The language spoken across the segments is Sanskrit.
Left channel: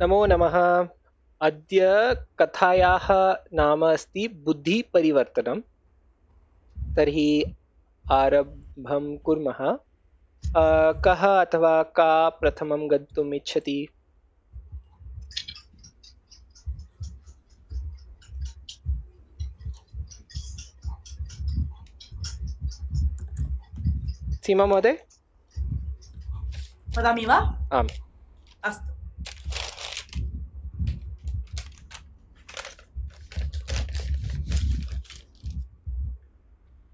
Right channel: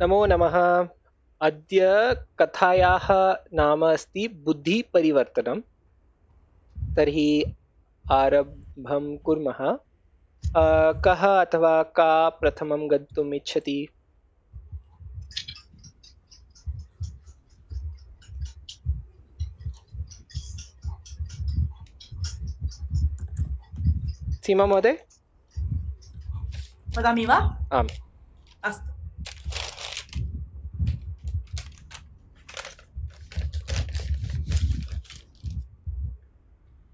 नमो नमः। अद्य कथायाः नाम अस्ति बुद्धिपरिवर्तनं। तर्हि आरम्भं कुर्मः। कः अथवा का प्रथमं गन्तुम् इच्छति? सीमा महोदय? वदामि वा? आम्। अस्तु।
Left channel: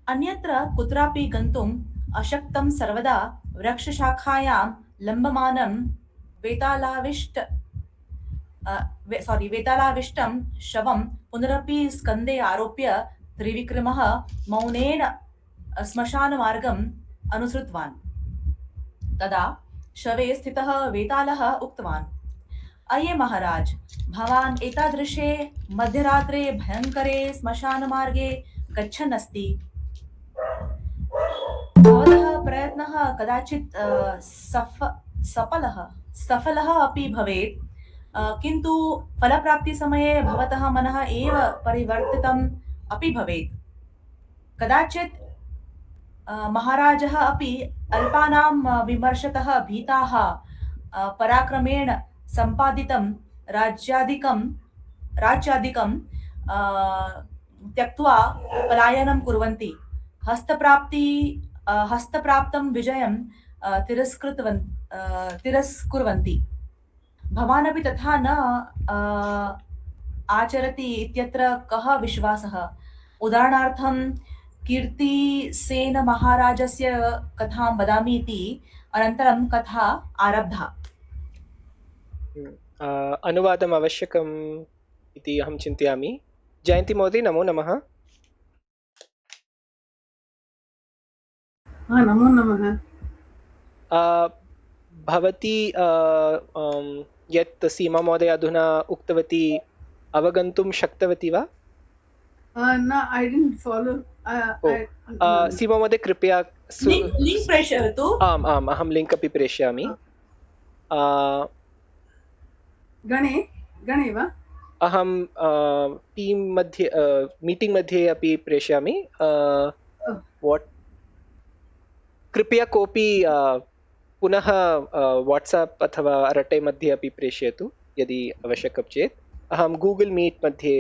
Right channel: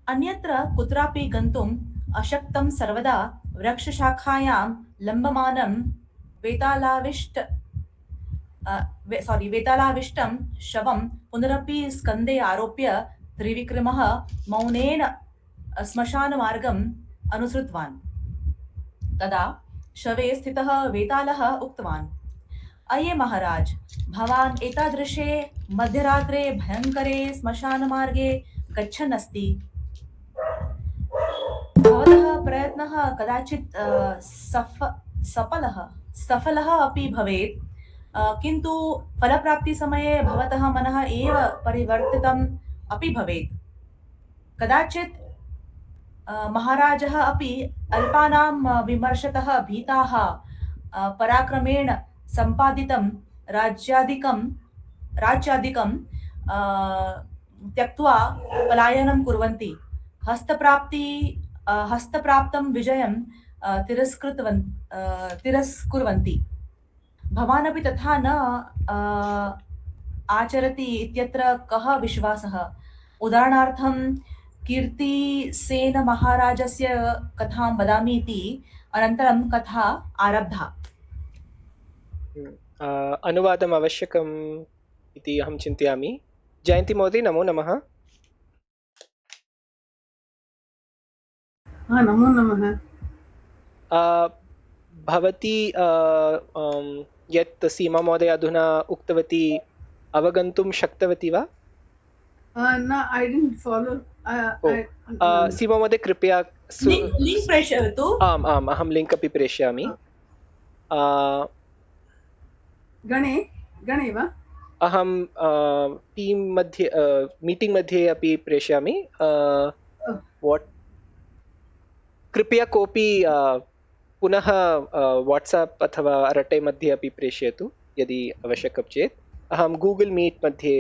अन्यत्र कुत्रापि गन्तुम् अशक्तं सर्वदा वृक्षशाखायां लम्बमानं वेतालाविष्टं शवं पुनरपि स्कन्दे आरोप्य त्रिविक्रमः मौनेन श्मशानमार्गम् अनुसृतवान्। तदा शवे स्थितः वेतालः उक्तवान्, अये महाराज, भवान् एतादृशे मध्यरात्रे भयङ्करे श्मशानमार्गे गच्छन् अस्ति। भवतः प्रयत्नः कदाचित् सफलः अपि भवेत्, किन्तु फलप्राप्तिसमये भवतः मनः एव परिवर्तितम् अपि भवेत्। कदाचित् महाराजः अपि अल्पानां विमर्शतः भीताः पराक्रमेण सम्पादितं राज्यादिकं त्यक्त्वा पलायनं कुर्वन्ति। हस्तप्राप्तं विजयं तिरस्कुर्वन्ति। भवानपि तथा न आचरति इत्यत्र कः विश्वासः? उदाहरणार्थं कीर्तिसेनमहाराजस्य कथां वदामि इति अनन्तरं कथा आरब्धा। अनुवादम् आवश्यकम् इति अहं चिन्तयामि। जयन्ती महोदय, नमो नमः। नमो नमः। भवती यत् सीमा महोदय अधुना उक्तवती अवगन्तुं शक्तवती वा? No, I didn't follow. सीमा महोदय कृपया लिंक् प्रेषयतु। आम् आम्, अहं लिङ्क् अपि प्रेषयामि। गणे वा? अहं टीम् मध्ये मीटिङ्ग् मध्ये अपि प्रेषयामि। कृपया कोऽपि पुनः वाट्साप् अथवा अरटे मध्ये अपि प्रेषयतु यदि आवश्यकं चेत्। अहं गूगल् मीट् मध्ये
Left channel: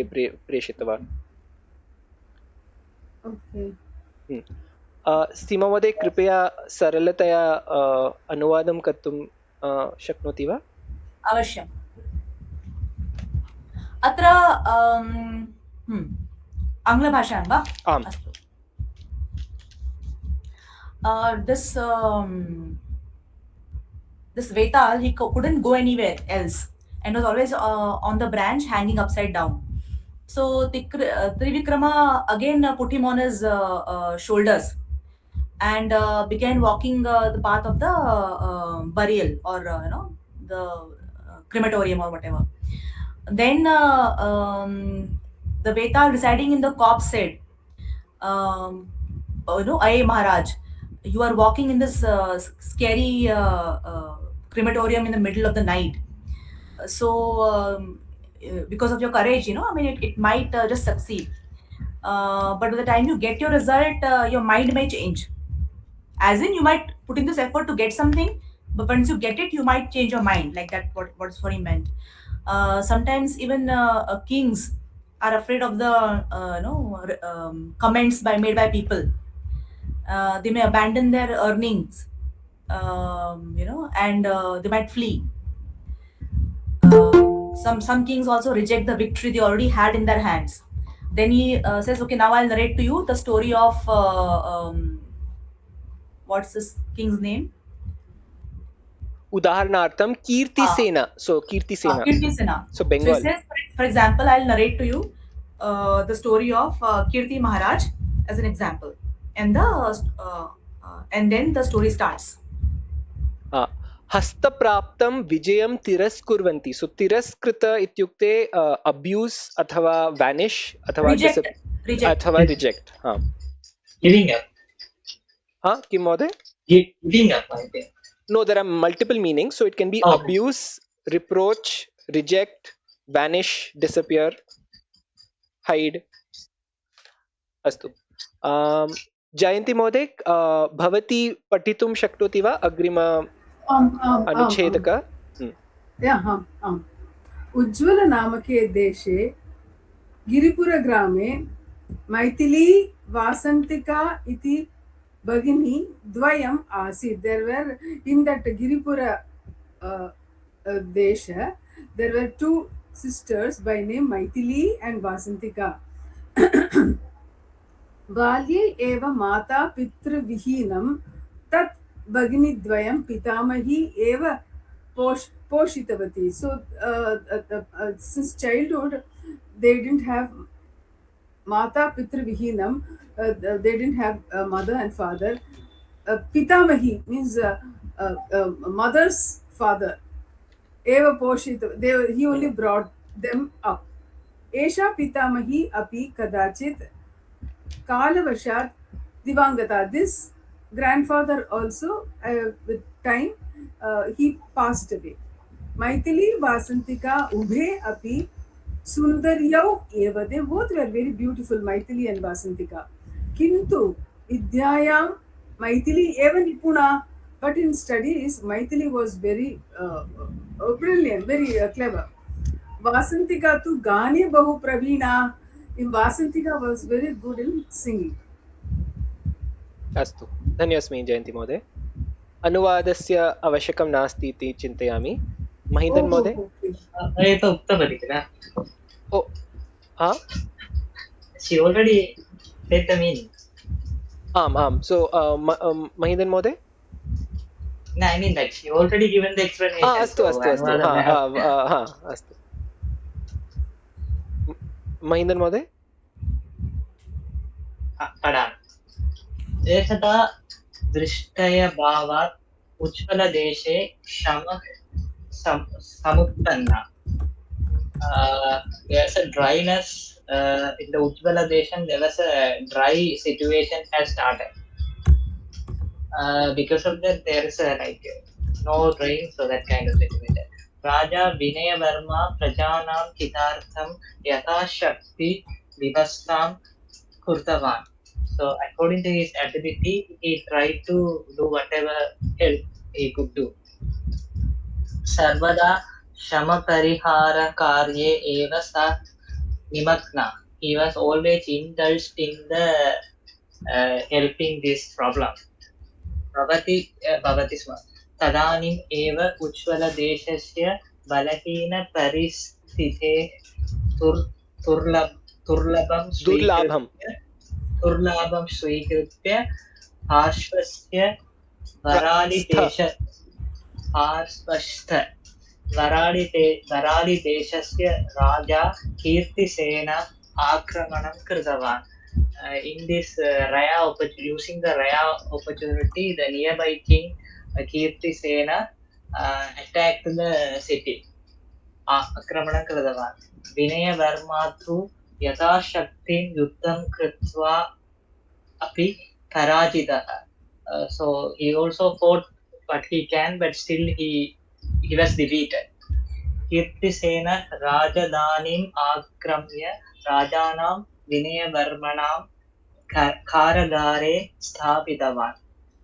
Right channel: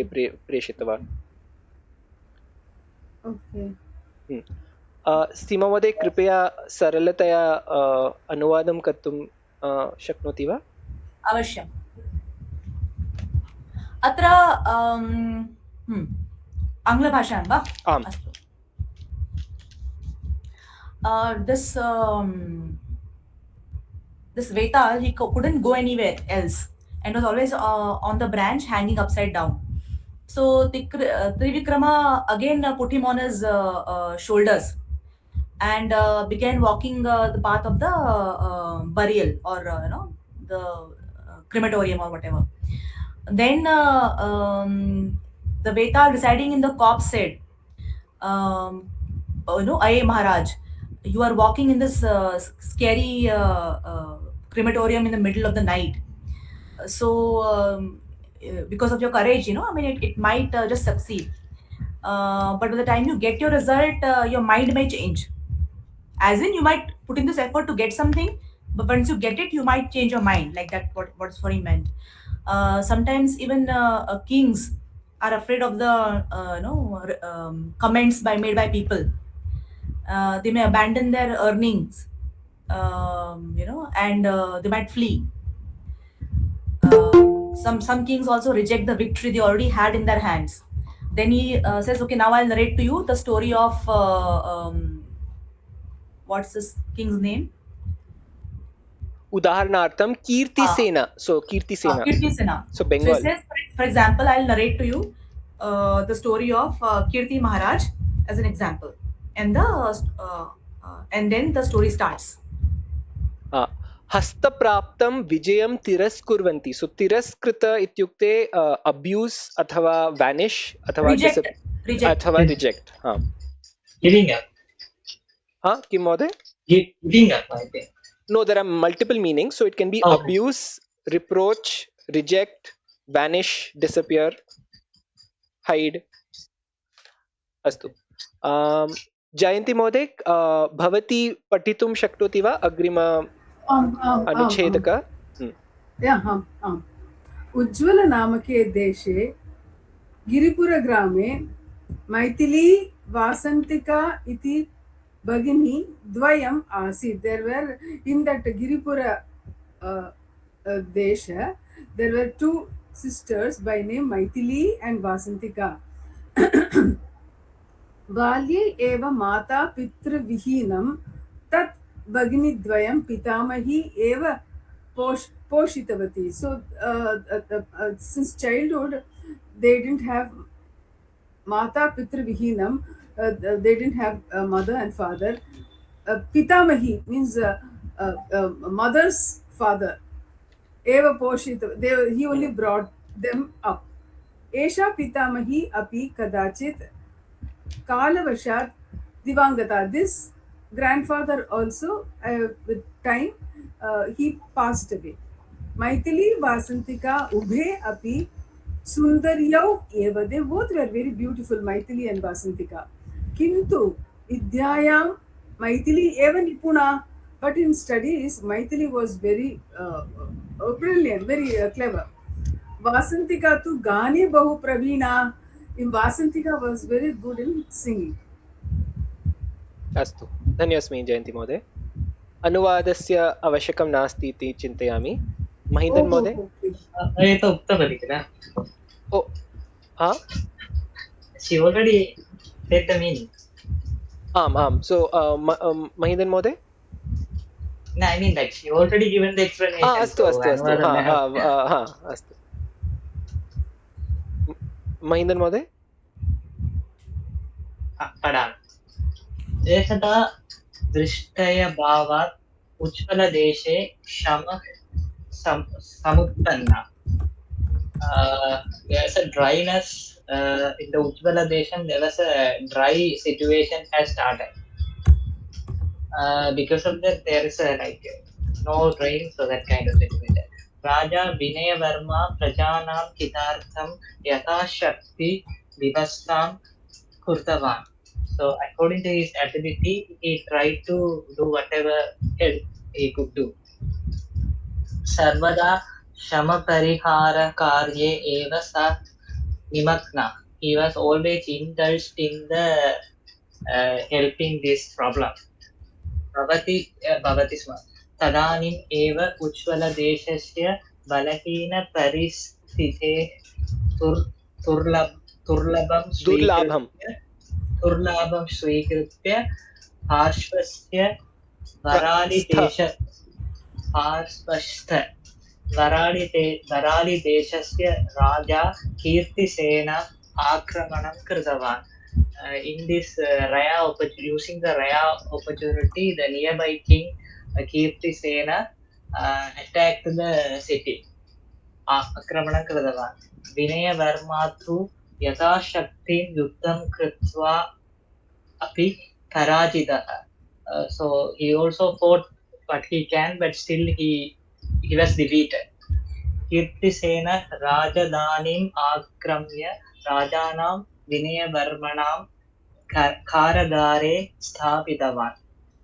प्रेषितवान्। सीमा महोदय, कृपया सरलतया अनुवादं कर्तुं शक्नोति वा? अवश्यम्। अत्र आङ्ग्लभाषायां वा? आम्। This Vetal, he couldn't go anywhere else and was always on the branch hanging upside down. So Trivikrama again put him on his shoulders and began walking the path of the burial or the crematorium or whatever. Then the Vetal residing in the corpse said, Aye Maharaj, you are walking in this scary crematorium in the middle of the night. So because of your courage, it might just succeed. But by the time you get your result, your mind may change. As in, you might put in this effort to get something, but once you get it, you might change your mind. Like that, what's what he meant. Sometimes even kings are afraid of the comments made by people. They may abandon their earnings, and they might flee. Some kings also reject the victory they already had in their hands. Then he says, okay, now I'll narrate to you the story of what's this king's name? उदाहरणार्थं कीर्तिसेना. So Kirtisena. Kirtisena. So Bengal. So it says, for example, I'll narrate to you the story of Kirti Maharaj as an example, and then the story starts. हस्तप्राप्तं विजयं तिरस्कुर्वन्ति. सो तिरस्कृत इत्युक्ते अब्यूस् अथवा वेनिश् अथवा अथवा रिजेक्ट. किं महोदय? No, there are multiple meanings. So it can be abuse, reproach, reject, vanish, disappear, hide. अस्तु जयन्ती महोदय भवती पठितुं शक्नोति वा अग्रिम अनुच्छेदक उज्ज्वल नामके देशे गिरिपुरग्रामे मैथिली वासन्तिका इति भगिनी द्वयम् आसीत्. There were in that Giripura desha there were two sisters by name Maithili and Vasantika. बाल्ये एव माता पितृविहीनं तत् भगिनीद्वयं पितामही एव पोषितवती. So since childhood they didn't have mata pitrvihinam, they didn't have mother and father. Pitamahi means mother's father. Eva poshita, he only brought them up. Esha pitamahi api kadachit kalavashat divangata. This grandfather also with time he passed away. Maithili Vasantika ubhe api Sundaryau eva. They both were very beautiful, Maithili and Vasantika. Kintu Vidyayam Maithili eva nipuna. But in studies, Maithili was very brilliant, very clever. Vasantika tu Gani Bahu Pravina. Vasantika was very good in singing. अस्तु धन्योऽस्मि जयन्ती महोदय अनुवादस्य आवश्यकं नास्ति इति चिन्तयामि महीधन् महोदय एतत् उक्तवती किल ओ हा she already said the meaning आम् so महीधन् महोदय no I mean that she already given the explanation अस्तु अस्तु अस्तु हा अस्तु महीधन् महोदय पठामि एकदा दृष्टयभावात् उज्ज्वलदेशे क्षमः समुत्पन्ना. There's a dryness in the Ujjvala Deshan. There was a dry situation has started because of that. There is a no rain, so that kind of situation. Raja Vinaya Verma Prajanam Hitartham Yatha Shakti Vivastam Kurtavan. So according to his ability, he tried to do whatever help he could do. Sarvada Shama Parihara Karye Eva Sat Nimakna. He was always indulged in the helping this problem. Bhavati Sma. Tadanim Eva Ujjvala Deshasya Balahina Paristite Turlabam Swikrutya Harshvastya Varali Deshasya Raja Kirtisena Akramanam Kritavan. In this using the rare opportunity, the nearby king Kirtisena attacked the city. Akramanam Kritavan. Vinaya Varmathu Yatha Shaktin Yuddham Kritva Api Parajitaha. So he also fought what he can, but still he was defeated. Kirtisena Rajadanim Akramya Rajanam Vinaya Varmanam Karagare Sthapitavan.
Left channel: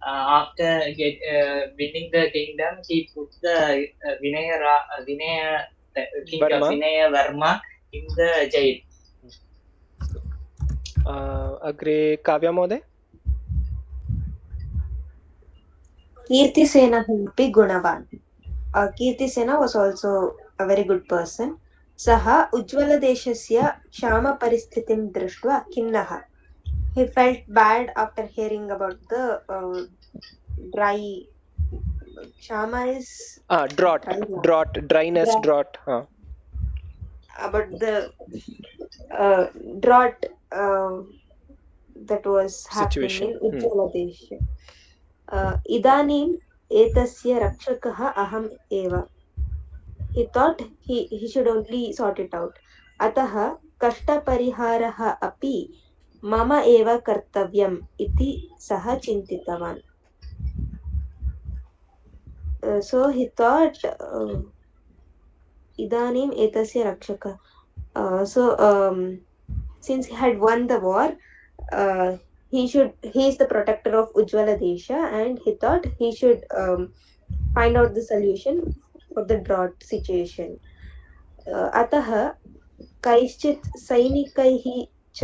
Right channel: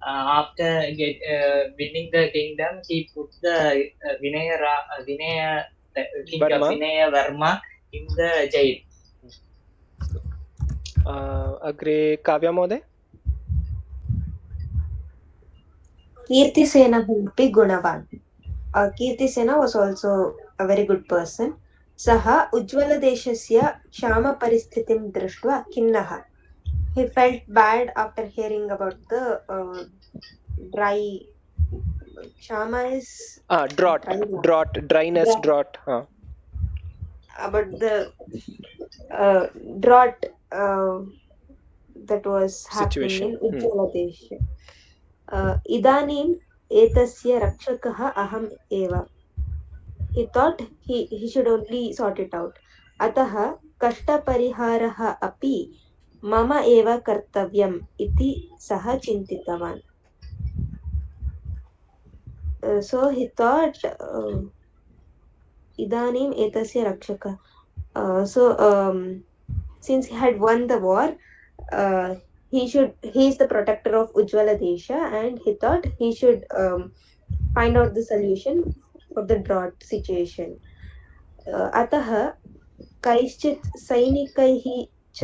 After winning the kingdom, he put the Vinaya King of Vinaya Varma in the jail. अग्रे काव्या महोदय Kirtisena अपि गुणवान्. Kirtisena was also a very good person. सः उज्ज्वलदेशस्य क्षामपरिस्थितिं दृष्ट्वा खिन्नः. He felt bad after hearing about the dry Shama is dryness about the drought that was situation happening in Ujjwaladesha. Idanim etasya rakshakah aham eva. He thought he should only sort it out. Ataha kashta pariharaha api mama eva kartavyam iti saha chintitavan. So he thought इदानीम् एतस्य रक्षकः since he had won the war, he is the protector of Ujjwala Desha, and he thought he should find out the solution for the drought situation. अतः कैश्चित् सैनिकैः च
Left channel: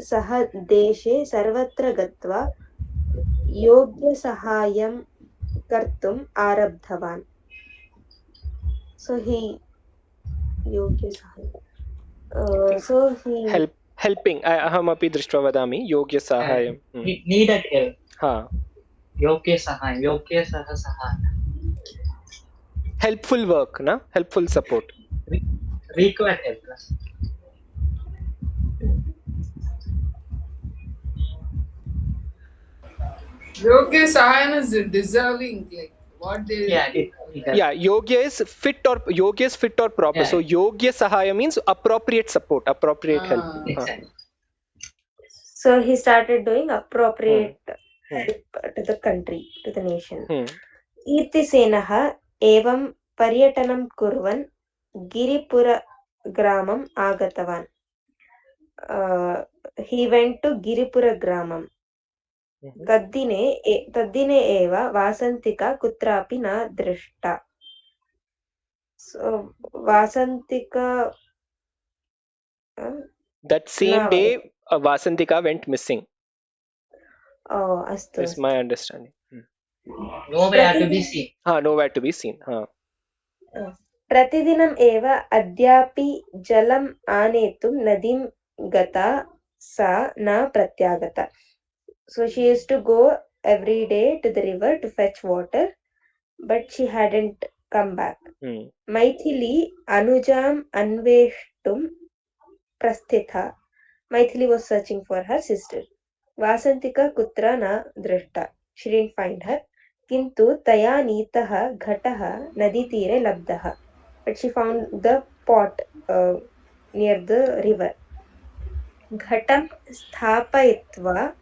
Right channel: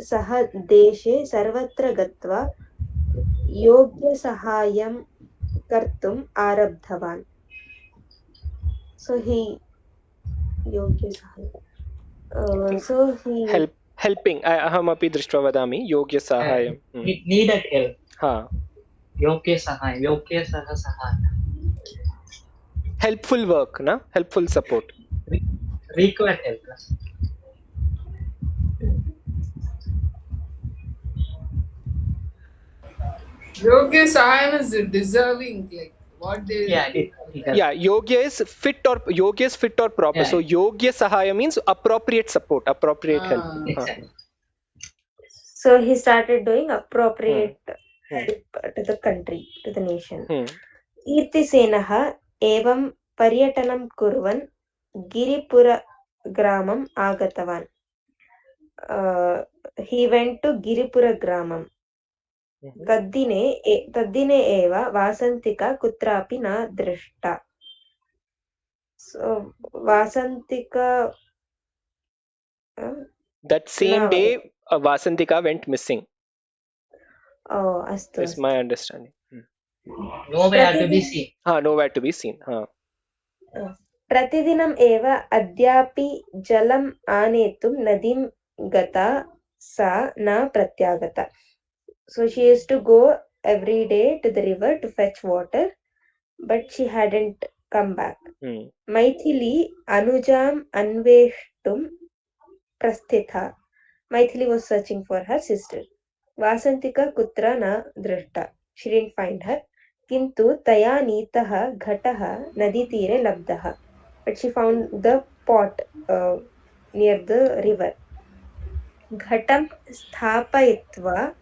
सह देशे सर्वत्र गत्वा योग्यसहायं कर्तुम् आरब्धवान्. So he योग्यसहायं think so he helping अहमपि दृष्ट्वा वदामि योग्यसाहाय्यं needed help. हा योग्य सह सहाय. helpful work na helpful support Required help. Yogya Sahayam is deserving, like what they yeah yogya is fit or proper. Yeah. So yogya sahaya means appropriate support, appropriate help. Exactly. So he started doing appropriate help to the country, to the nation. कीर्तिसेनः एवं पर्यटनं कुर्वन् गिरिपुरग्रामम् आगतवान्. He went to गिरिपुरग्रामम्. तद्दिने एव वासन्तिका कुत्रापि न दृष्टा. So वासन्तिका That same day Vasantika went missing. Oh, अस्तु. Is my understanding. Nowhere to be seen. Nowhere to be seen. प्रतिदिनम् एव अद्यापि जलम् आनेतुं नदीं गता सा न प्रत्यागता. So she used to go every day to the river to fetch water, but she hadn't come back. Maithili Anujam Anveshtum Prasthitha. Maithili was searching for her sister. Vasantika Kutra na Drishta. She didn't find her. Kintu Taya Nitaha Ghataha Naditire Labdaha. But she found the pot near the river. Ghatam Sthapayitva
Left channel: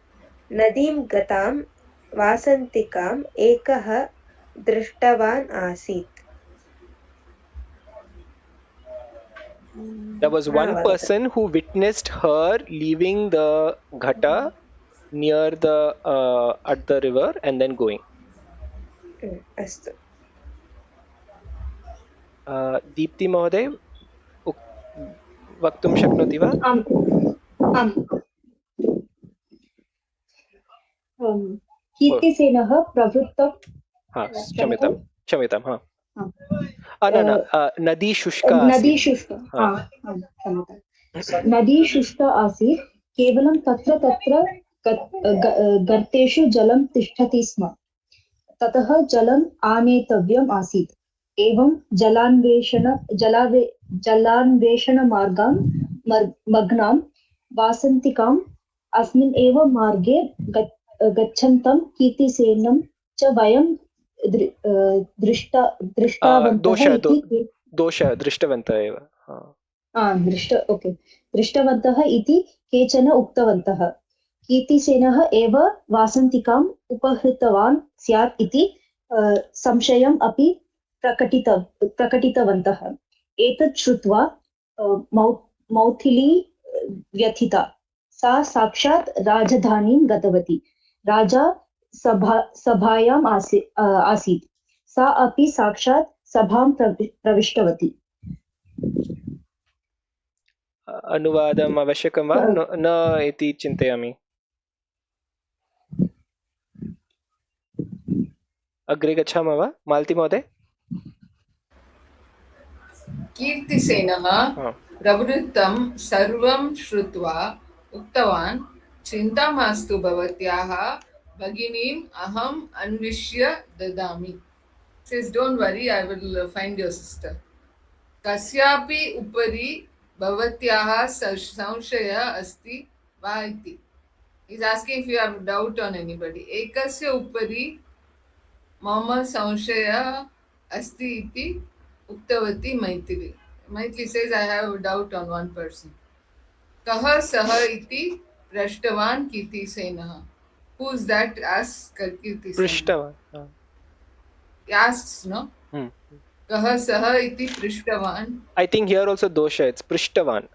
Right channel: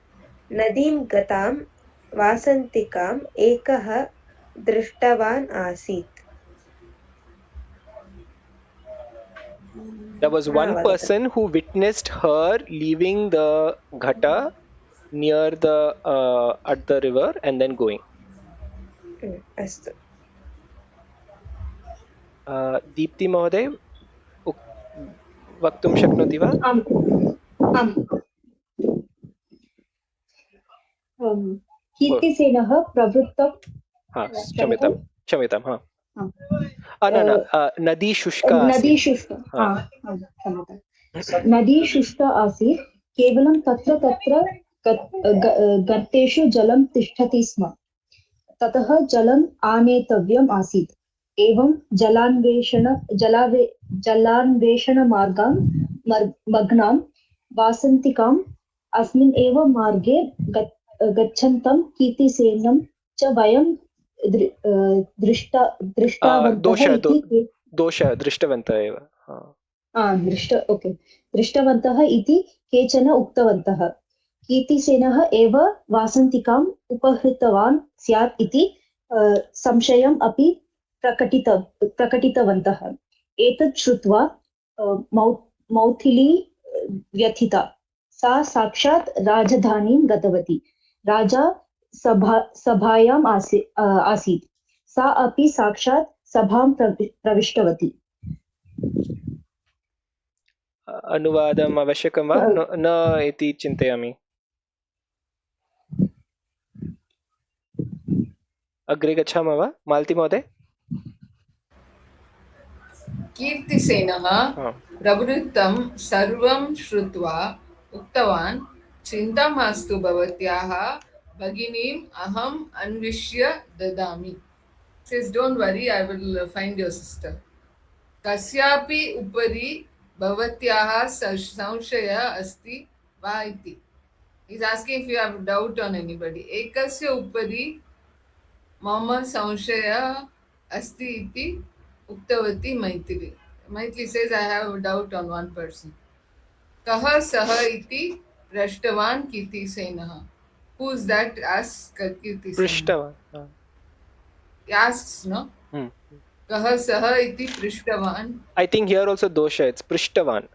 Nadim Gatam Vasantikam Ekah Drishtavan Asit. There was one person who witnessed her leaving the ghata near the at the river and then going. अस्तु. दीप्ति महोदय वक्तुं शक्नोति वा? आम्. कीर्तिसेनः प्रवृत्तं क्षम्यतां नदी शुष्का नदी शुष्का आसीत्. केवलं तत्र गर्तेषु जलं तिष्ठति स्म. ततः जलम् आनेतव्यम् आसीत्. एवं जलान्वेषणमार्गां मग्नां वासन्तिकाम् अस्मिन् एव मार्गे गच्छन्तं कीर्तिसेनं च वयं दृष्टवन्तः इति केचन उक्तवन्तः. कीर्तिसेनः एव वासन्तिकाम् उपहृतवान् स्यात् इति संशयम् अपि प्रकटितवन्तः. एतत् श्रुत्वा मौथिली व्यथिता. सा साक्षात् राजधानीं गतवती. राजा सभायाम् आसीत्. सा अपि साक्षात् सभां प्रविष्टवती. अनुवादम् आवश्यकं वा न इति चिन्तयामि. अग्रे गच्छामः वा मालती महोदय? कीर्तिसेनः प्रवृत्तं सर्वं श्रुत्वा उक्तवान्, चिन्ता मास्तु भवत्याः भगिनीम् अहम् अन्विष्य ददामि. Says, don't worry, I will find your sister. कस्यापि उपरि भवत्याः संशय अस्ति वा इति. He's asking if you have doubt on anybody. एकस्य उपरि मम संशय अस्ति इति उक्तवती Maithili. Maithili says, I have a doubt on one person. कः सः इति पृष्टवान् कीर्तिसेनः. Who's that? Asks Kirtisenah. पृष्टवान्. He asks, no? कः सः इति पृष्टवान् I think here also dosha, it's prishtavan.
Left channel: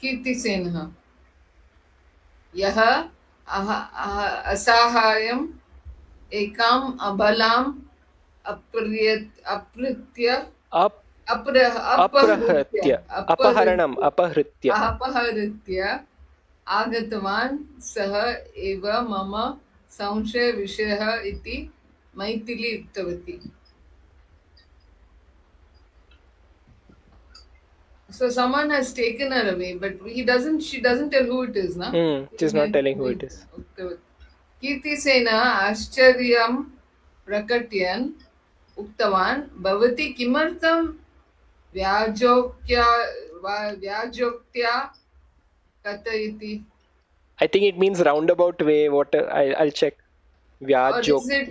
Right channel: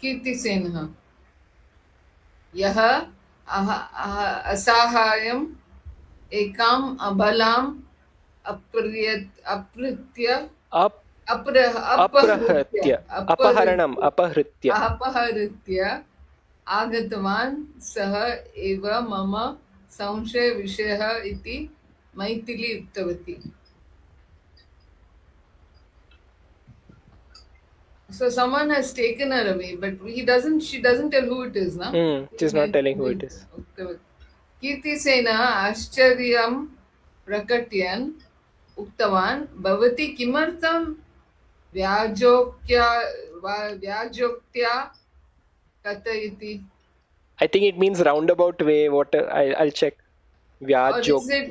कीर्तिसेनः यः असाहाय्यम् एकाम् अबलाम् अपहृत्य आगतवान् सः एव मम संशयविषयः इति मैथिली उक्तवती. So someone has taken her away, but she doesn't tell who it is, no? She's not telling who it is. कीर्तिसेनः आश्चर्यं प्रकटयन् उक्तवान् भवती किमर्थं व्याजोक्त्या कथयति? I think it means roundabout way. What I'll check. Or Vyajok. is it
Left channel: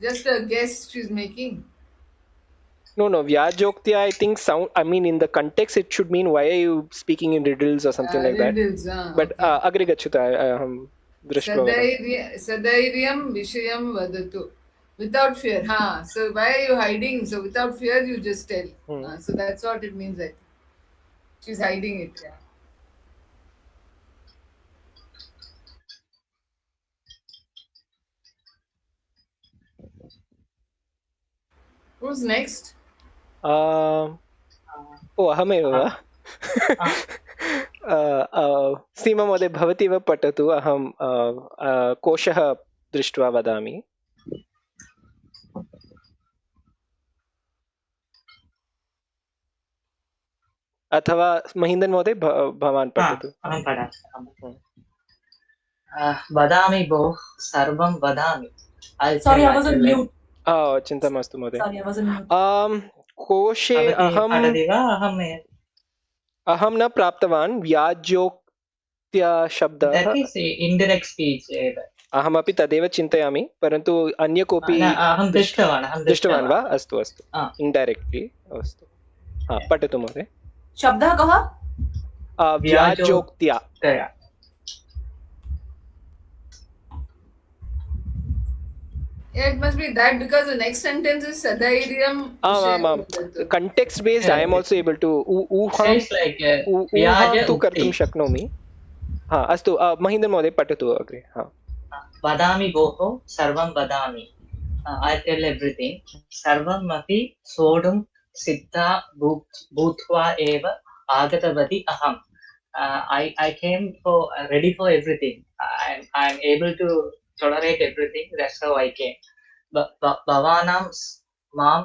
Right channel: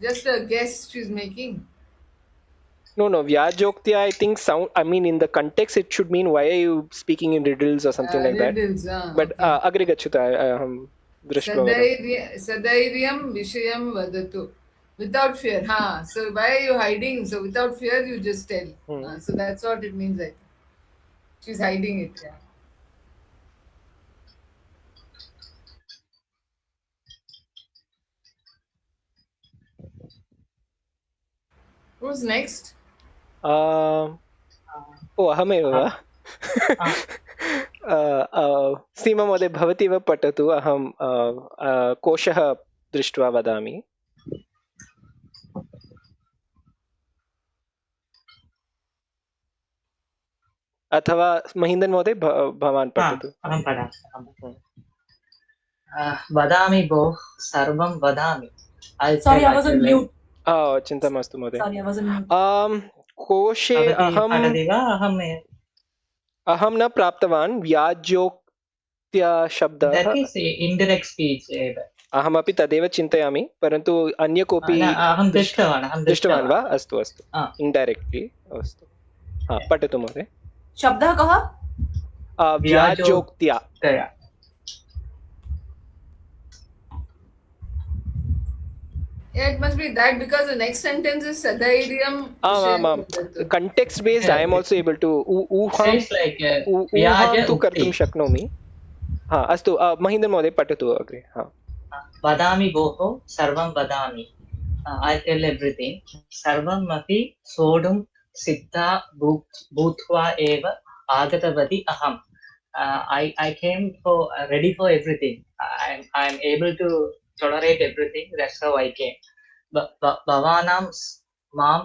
just a guess she's making? No, Vyajoktya, I think in the context it should mean why are you speaking in riddles or something like riddles, that. But agre gachyuta aham drishtva. Sadairyam vishayam vadatu. Without fear. So why are you hiding? So without fear you just tell. So that's what it means. I think. She's hiding it. Yeah. Who's next? अहमेव वा? सीमा महोदय भवती एव पठतु, अहं कोशः दृष्ट्वा वदामि. अथवा महीन्दन् महोदय भवान् पठतु. अहं पठामि. वदामि भोः, सर्वं वदामि. Sorry, I was on mute. चिन्ता मास्तु महोदय. Sorry, I was on mute. कोशे अहं न प्राप्तवान् व्याजोक्त्या शब्दः. इन्डैरेक्ट् स्पीच् एव. अहमपि तदेव चिन्तयामि, परन्तु अन्य कोऽपि अहं दृष्टवान् वा? अस्तु इन्डैरेक्ट्लि अस्तु. पठतु महोदय. शब्दः कः? व्याजोक्त्या. Yeah, it must be that because the next sentence is sadairyam. Context based, I am also able to ऊहां तु कर्तुं शक्नोमि. अस्तु महीन्द्र महोदय पठतु अग्रे. वदामि भोः, सर्वं वदामि. I tell everything. सर्वम् अपि सोढुं सिद्धा भूत्वा एव आगतवती अहम्. I came ready for everything. I'm able to tolerate everything. That's how I came. भवानां मां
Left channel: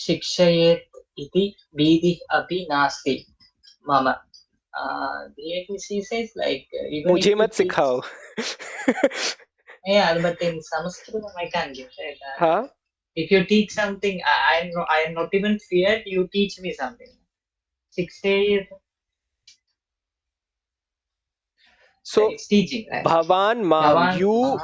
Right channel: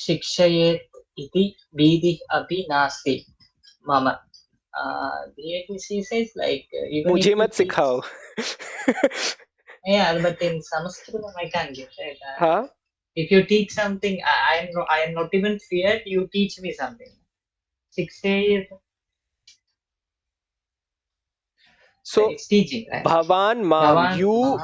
शिक्षयेत् इति भीतिः अपि नास्ति मम. She says like मुझे मत सिखाओ. Yeah, but in Sanskrit I can't give it. If you teach something, I am not even feared. You teach me something. 6 days. So it's teaching. Right? Bhavan Mam, you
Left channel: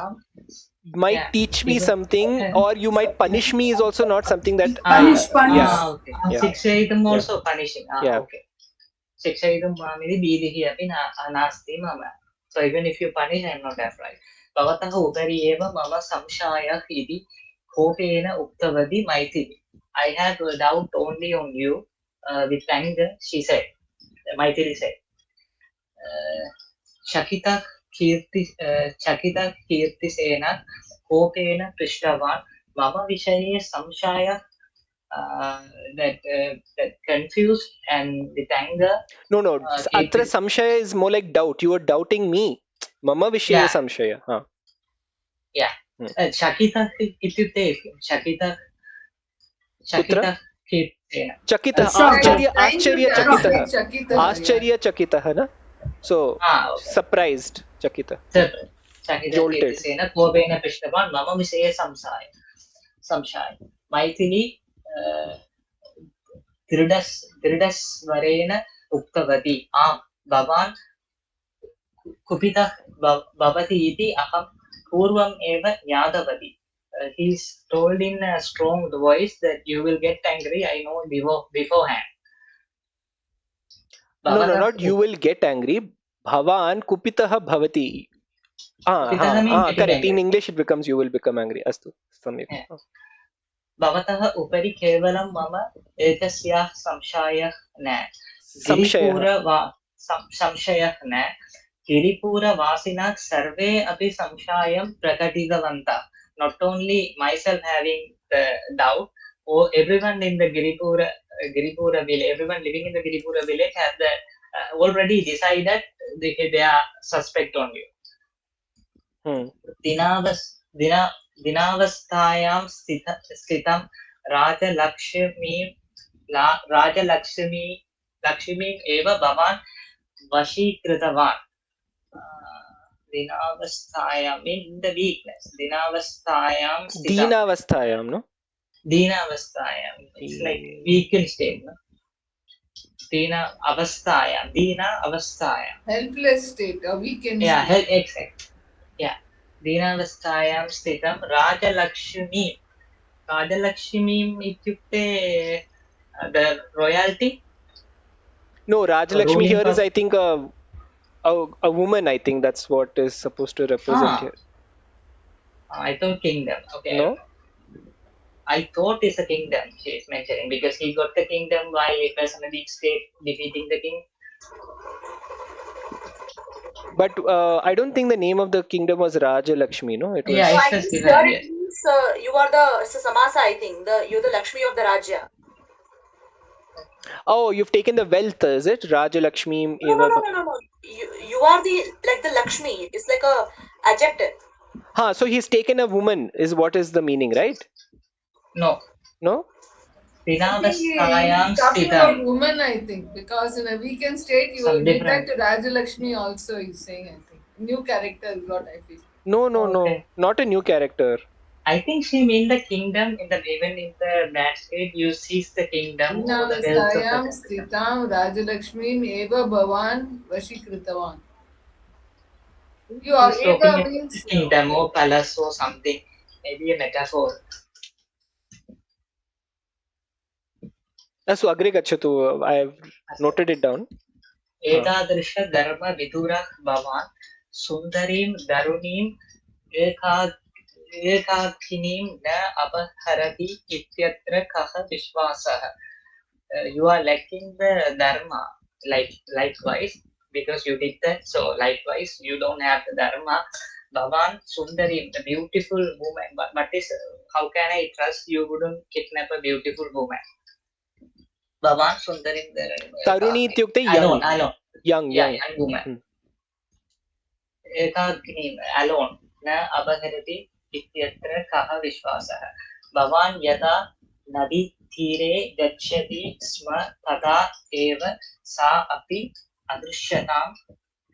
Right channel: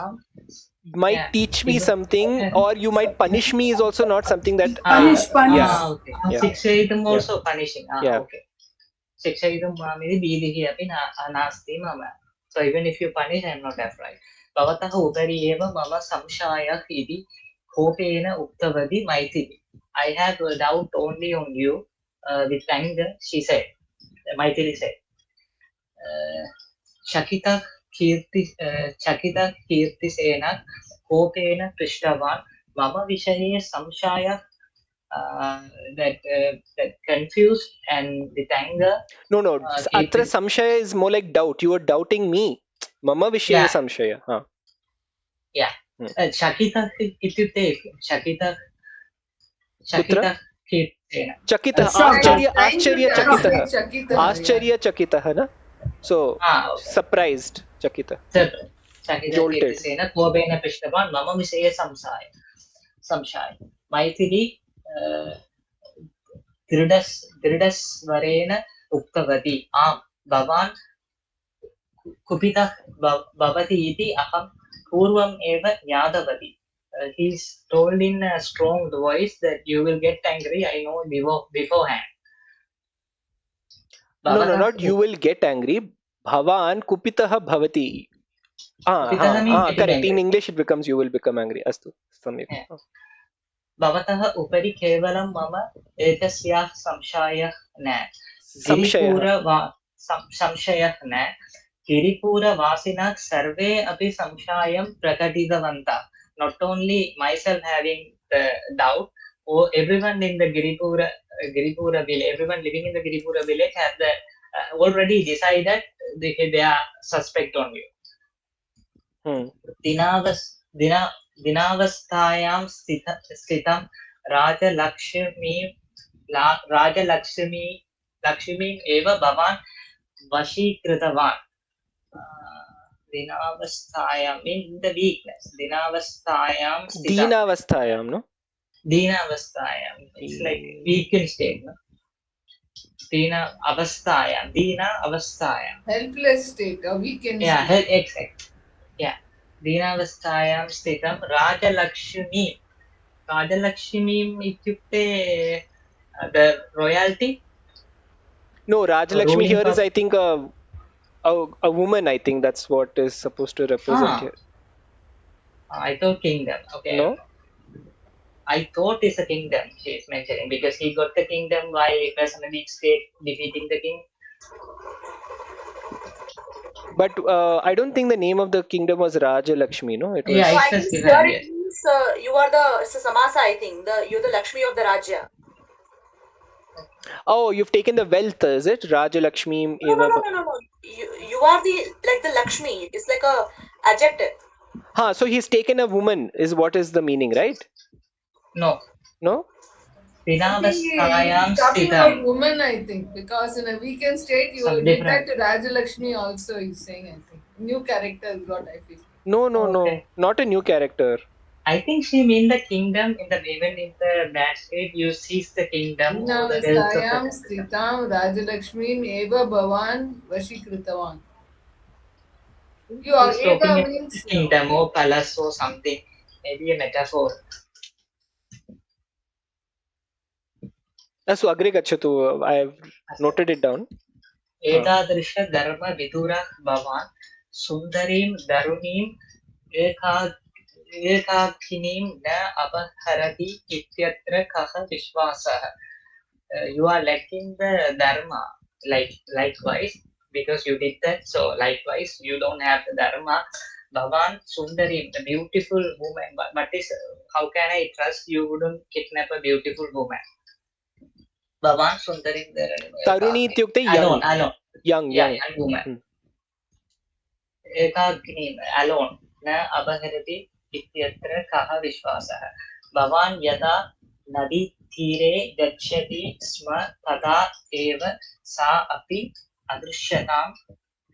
might teach me something, or you might punish me is also not something that punish. Okay. Shikshayidam also punishing. Okay. Shikshayidam mamidi bidhihi api nasti mama. So even if you punish, I am not afraid. Bhavatah upari eva mama samshayah iti kopena uktavati Maithili. I have a doubt only on you. With anger, she said. Maithili said. Chakita कीर्तिसेन कोपेन पृष्टवान् मम विषये संशयः. That confused and with anger. No. Atra samshaya is more like doubt. You are doubting me. Mama vishaya samshaya. Yeah. Chakita ityukte Chakita कीर्तिसेन. Chakita आश्चर्य चकितः ना. So surprised Chakita. Jolted. कोपेन पृष्टवान् मम विषये संशय. मैथिली दृढस्वरेण उक्तवती आम् भवान् कुपितः भवति इति अहं पूर्वम् एव ज्ञातवती. He's told in a strong voice that you will get angry. I know beforehand. No, not you will get angry. Bhavan kupitah bhavati. Correct. In English it becomes you will become angry. Astu. Samyak. भवतः उपरि केवलं मम एकस्याः संशयः न संशयः संशयः न गिरिपुरवासिनः सर्वे अपि संशयं प्रकटितवन्तः. Not only myself having the doubt, everyone in the Giripura village, everyone living in the Giripura village have the already decided they are suspect on you. दिनावस्थायां स्थितं राजलक्ष्मीम् एव भवान् वशीकृतवान्. दिनावस्थायां means the weakness. दीनावस्थायां no? दीनावस्थायां it's like weakened state, no? दीना अवस्थायां helpless state or weakened yeah state. exact yeah दीनावस्थायां स्थितं राजलक्ष्मीम् इत्युक्ते the royalty. No, Rajalakshmi here is, I think, a woman. I think that's what is supposed to represent here. I thought kingdom. Okay. No? I thought it's a kingdom she is mentioning because he got the kingdom by personally state defeating the king. But I don't think the name of the kingdom was Rajalakshmi, no? It was. Yeah, So I it think says here yes. it means you are it's a samasa, I think. You're the Lakshmi of the Rajya. Oh, you've taken the wealth, is it? Rajalakshmi eva. No. You are the Lakshmi. It's like a adjective. So he's taken a woman, is what is the meaning, right? No. Dinavastayam talking about woman, I think, because in a weakened state you will get that to Rajalakshmi also. He's saying, I think, new character is what I feel. No, not a new character. I think she means the kingdom even in the bad state you seize the kingdom. Dinavastayam sthitam Rajalakshmim eva bhavan vashikrithavan. You are eva means kingdom or palace or something, maybe a metaphor. So agre gachatu, I have noted it down. एतादृश धर्मविदुरः भवान् सुन्दरीं तरुणीम् एकाकिनीं न अपहरति इत्यत्र कः विश्वासः. You are lacking the dharma, likewise, because you did that, so likewise you don't have the dharma. Bhavan Sundarim, the beautiful woman, but how can I trust you wouldn't kidnap a beautiful woman? Bhavan Sundarim Taruni ityukte young woman. एकाकिनीं alone न अपहरति इत्यत्र कः विश्वासः. भवान् यदा नदीतीरे गच्छति स्म तदा एव सा अपि अदृश्यतां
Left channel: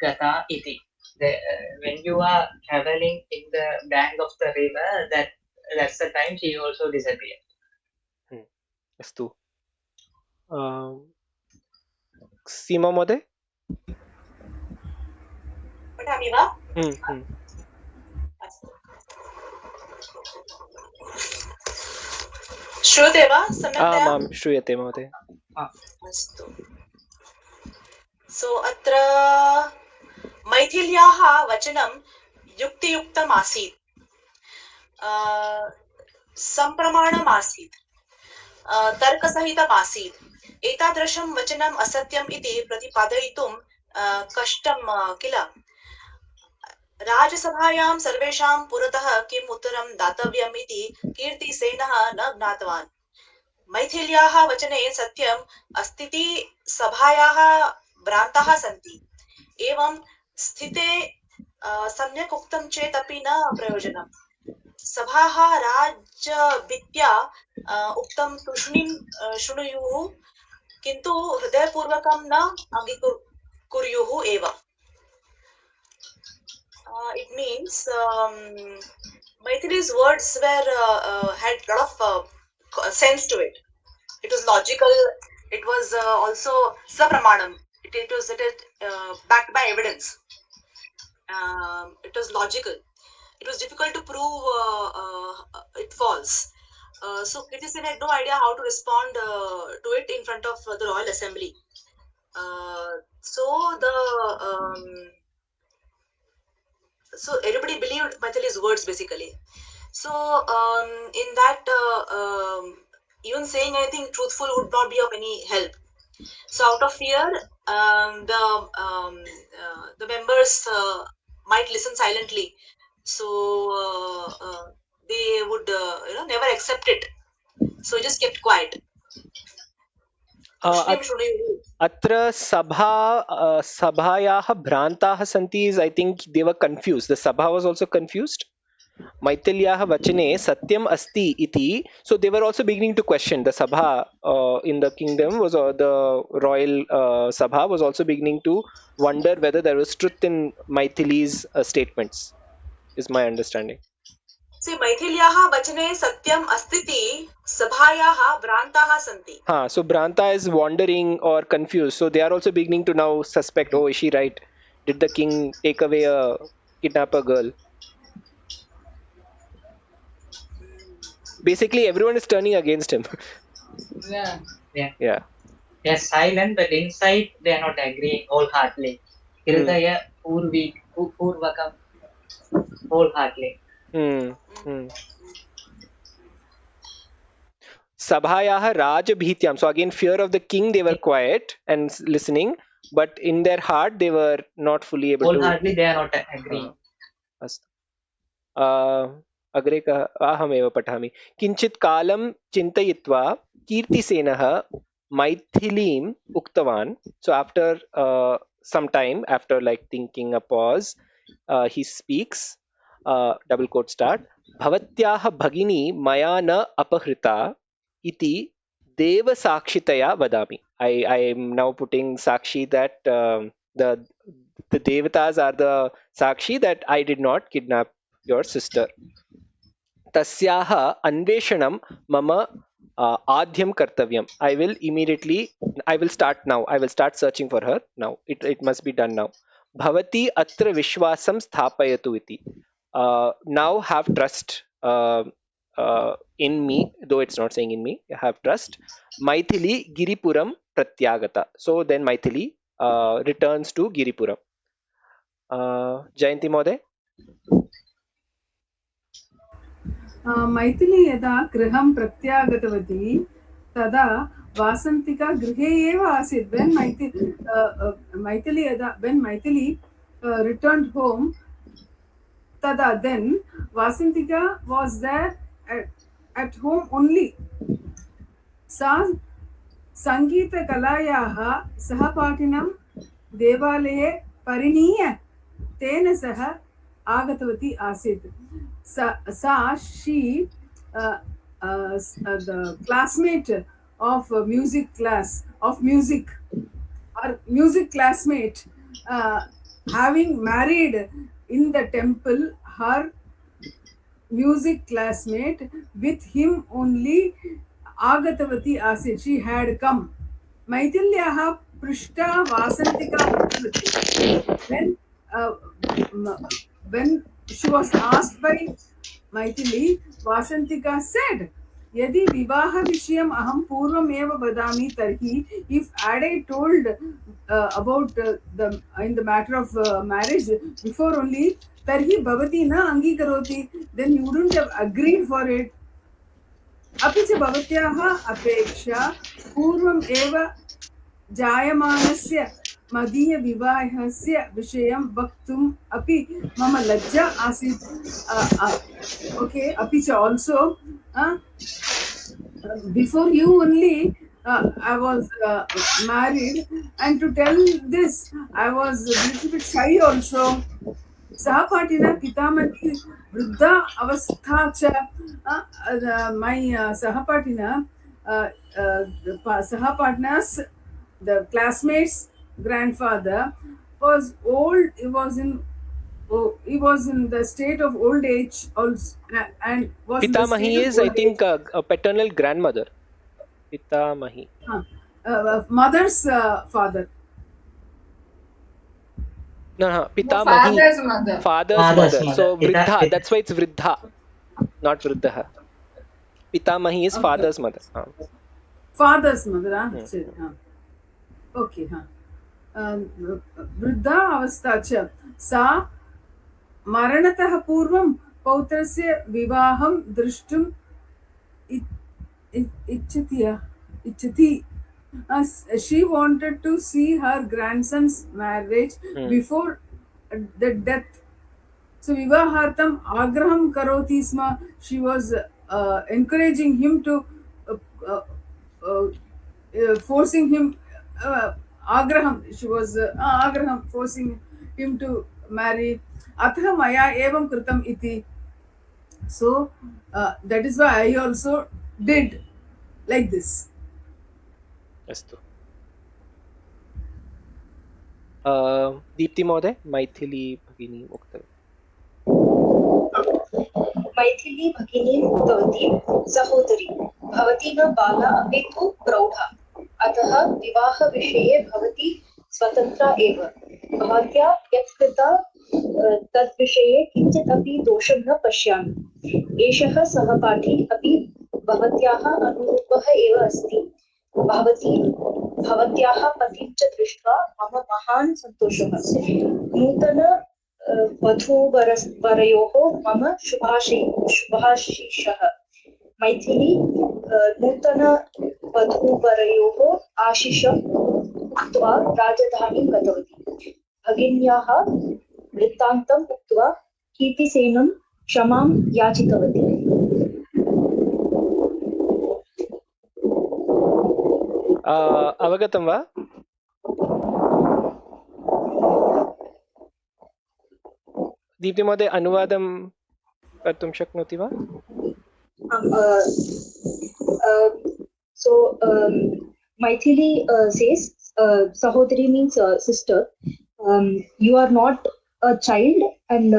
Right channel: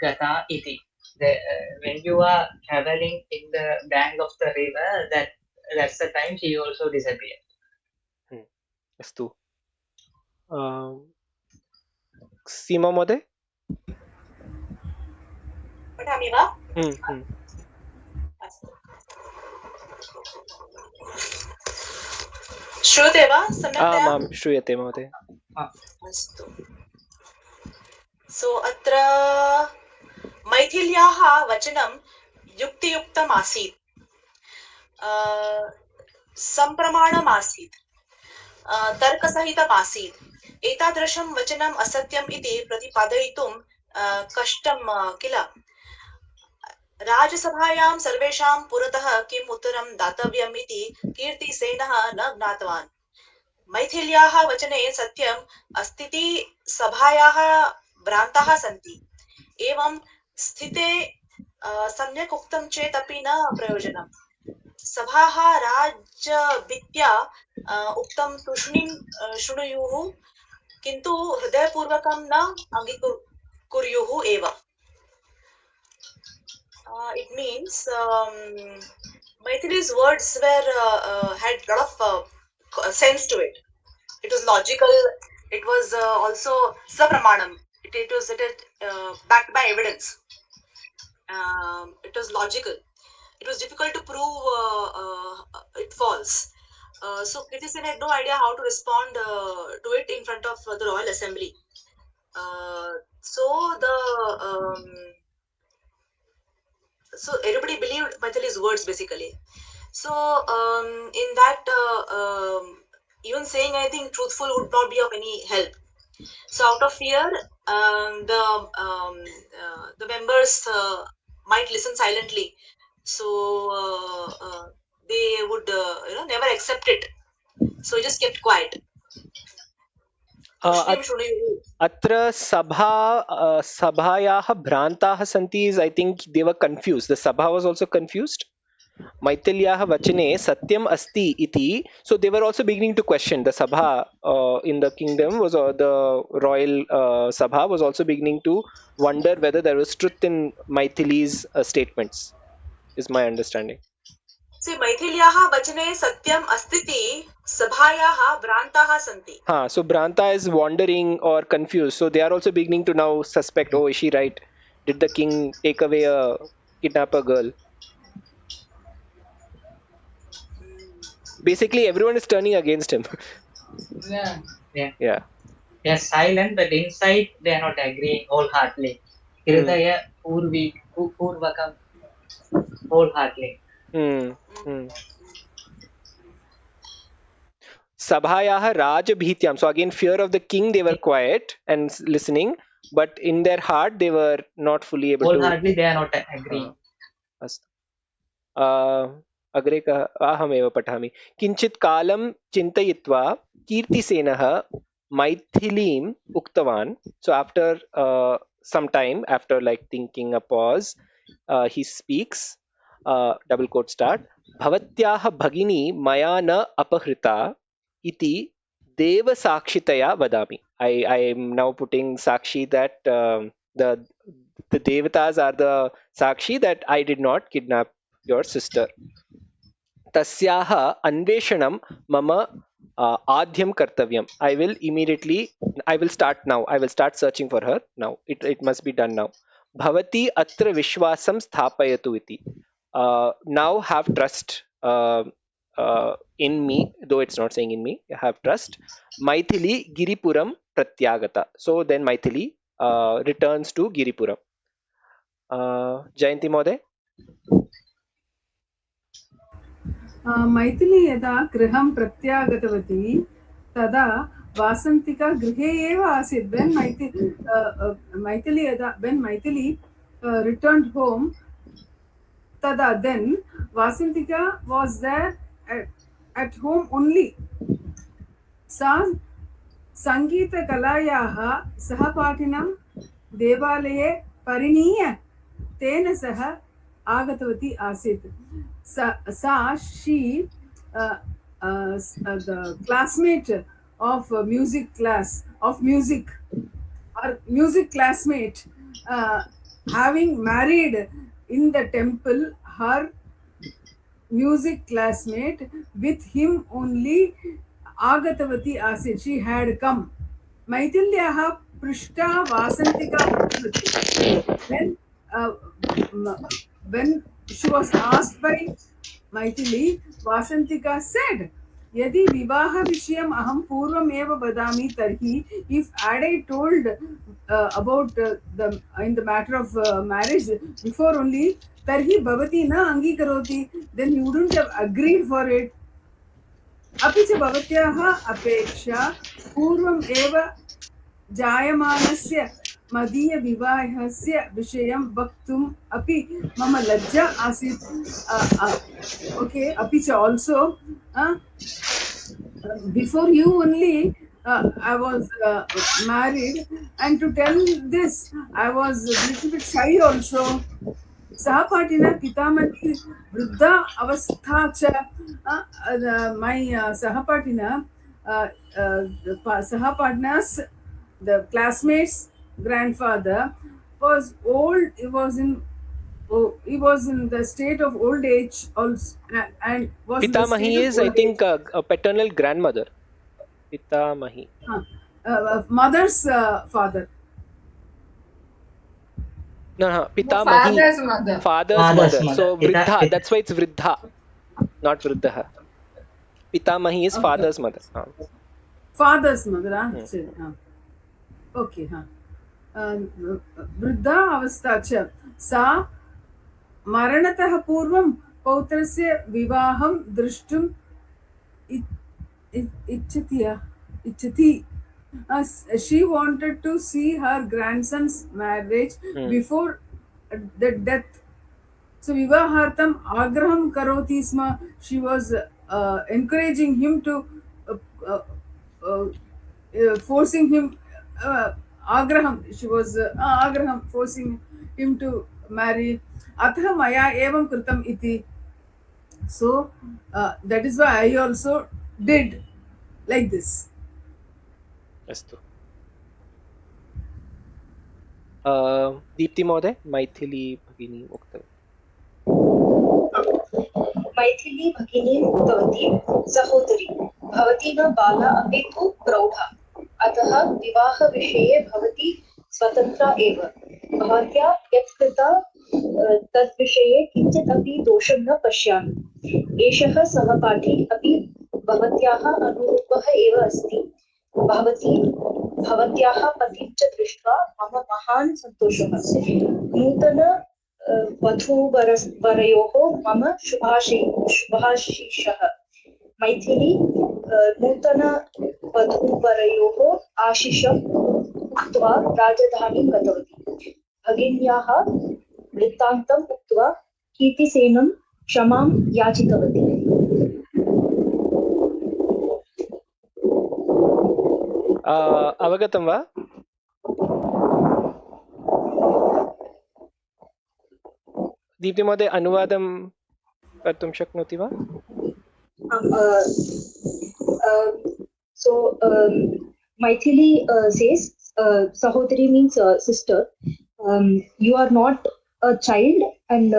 गता इति. When you are traveling in the bank of the river, that's the time she also disappeared. Astu. Seema Mode? पठामि वा? श्रूयते वा? आम् श्रूयते महोदय. अस्तु. सो अत्र मैथिल्याः वचनं युक्तियुक्तम् आसीत्, सम्प्रमाणम् आसीत्, तर्कसहितम् आसीत्. एतादृशं वचनम् असत्यम् इति प्रतिपादयितुं कष्टं किल. राजसभायां सर्वेषां पुरतः किम् उत्तरं दातव्यम् इति कीर्तिसेनः न ज्ञातवान्. मैथिल्याः वचने सत्यम् अस्तीति सभायाः भ्रान्ताः सन्ति. एवं स्थिते सम्यक् उक्तं चेत् अपि न प्रयोजनम्. सभाः राजभित्या उक्तं तूष्णीं शृणुयुः, किन्तु हृदयपूर्वकं न अङ्गीकुर्युः एव. It means Maithili's words had a lot of sense to it. It was logical. It was also sapramanam. It was backed by evidence. It was logical. It was difficult to prove it false. So Kirtisen had no idea how to respond to it in front of the Royal Assembly. So everybody believed Maithili's words basically. So in that, even saying anything truthful would not be of any help. So out of fear, the members might listen silently. So they would never accept it. So he just kept quiet. Tushnim Shrunevu. अत्र सभायाः भ्रान्ताः सन्ति is I think they were confused. The sabha was also confused. Maithilyaah vachane satyam asti iti. So they were also beginning to question. The sabha in the kingdom was the royal sabha was also beginning to wonder whether there was truth in Maithili's statements. Is my understanding. See, Maithilyaah vachane satyam astiti sabhayaah vrantaah santi. So Branta is wandering or confused. So they are also beginning to now suspect, oh, is she right? Did the king take away a kidnapper girl? Basically, everyone is turning against him. Yeah. Yeah. They're silent, but inside they are not agreeing wholeheartedly. Hridaya purvakam wholeheartedly. Sabhayaha Rajabhityam. So again, fear of the king, they were quiet and listening, but in their heart, they were not fully able to. Wholeheartedly, they are not agreeing. अग्रे अहमेव पठामि. किञ्चित् कालं चिन्तयित्वा कीर्तिसेनः मैथिलीम् उक्तवान्. So after some time, after like thinking a pause, he speaks. Double quote start. भवत्याः भगिनी मया न अपहृता इति देवसाक्षितया वदामि. I am now putting sakshi that the devatas are the sakshi that I did not kidnap your sister. तस्याः अन्वेषणं मम आद्यं कर्तव्यम्. I will start now. I will start searching for her now. It must be done now. भवती अत्र विश्वासं स्थापयतु इति. Now have trust in me, though it's not saying in me. Have trust. Maithili Giripuram Pratyagata. So then Maithili returns to Giripuram. Jayanti Mode. Maithili यदा गृहं प्रत्यागतवती तदा वासन्तिका गृहे एव आसीत्. When Maithili returned home, tada then Vasantika was there at home only. Sa Sangeeta Kalayaah Sahapatinam Devaleye Parineeya Tena Saha Agatavati Asit. She the classmate of music classmate, having married in the temple her music classmate, with him only Agatavati Asit, she had come. Maithilyaah Prishta Vasantika. When she was asked by Maithili, Vasantika said, Yadi Vivaha Vishayam Aham Purvam Eva Badami Tarhi, if had I told about in the matter of marriage before only, Tarhi Bhavati na Angikaroti, then you wouldn't have agreed for it. Api cha Bhavatyaha Apeksha Purvam Eva Jayamanasya मदीय विवाहस्य विषयं वक्तुम् अपि मम लज्जा आसीत्. Okay, अपि च also before you only I was married, and to tell this I was a little bit shy also. Sahapatina Pitamani Vruddha Avastha cha, my Sahapatina Sahapatina's, the classmates' grandfather was old. He was in the state of old age also, and was Pitamahi is, I think, a paternal grandmother. Pitamahi. Mother's father. No, Pitamahi. Father's mother. So Vriddha. That's why it's Vriddha, not Vruddha. Pitamahi is father's mother. Father's mother. Okay. वृद्धा अवस्था च सा मरणतः पूर्वं पौत्रस्य विवाहं द्रष्टुम् इच्छति. She wanted to see her grandson's marriage before the death. So vivahartam agraham karoti sma. She was encouraging him to uh, uh, uh, forcing him agraham. She was agraham forcing him to marry. Atha maya evam kritam iti. So that is why I also did like this. अस्तु. दीप्ति महोदय, मैथिली भगिनी उक्तवती. मैथिली भगिनी उक्तवती, सहोदरी भवती न बाला अपि तु प्रौढा, अतः विवाहविषये भवती स्वतन्त्रा एव. भवत्या यत् कृता तद्विषये किञ्चित् अपि दोषं न पश्यामि. एषः सहपाठी अपि भवत्याः अनुरूपः एव अस्ति. भवती भवत्याः पतिं च दृष्ट्वा मम महान् सन्तोषः. नूतन वधूवरयोः मम शुभाशीषः. मैथिली नूतन वधूवरयोः आशिषम् उक्त्वा राजधानीं गतवती. भगिन्याः वृत्तान्तम् उक्त्वा कीर्तिसेनं क्षमां याचितवती. अवगतं वा? दीप्ति महोदय, अनुवादं कर्तुं शक्नोति वा? So Maithili says, Sahodari means sister. You are not a child and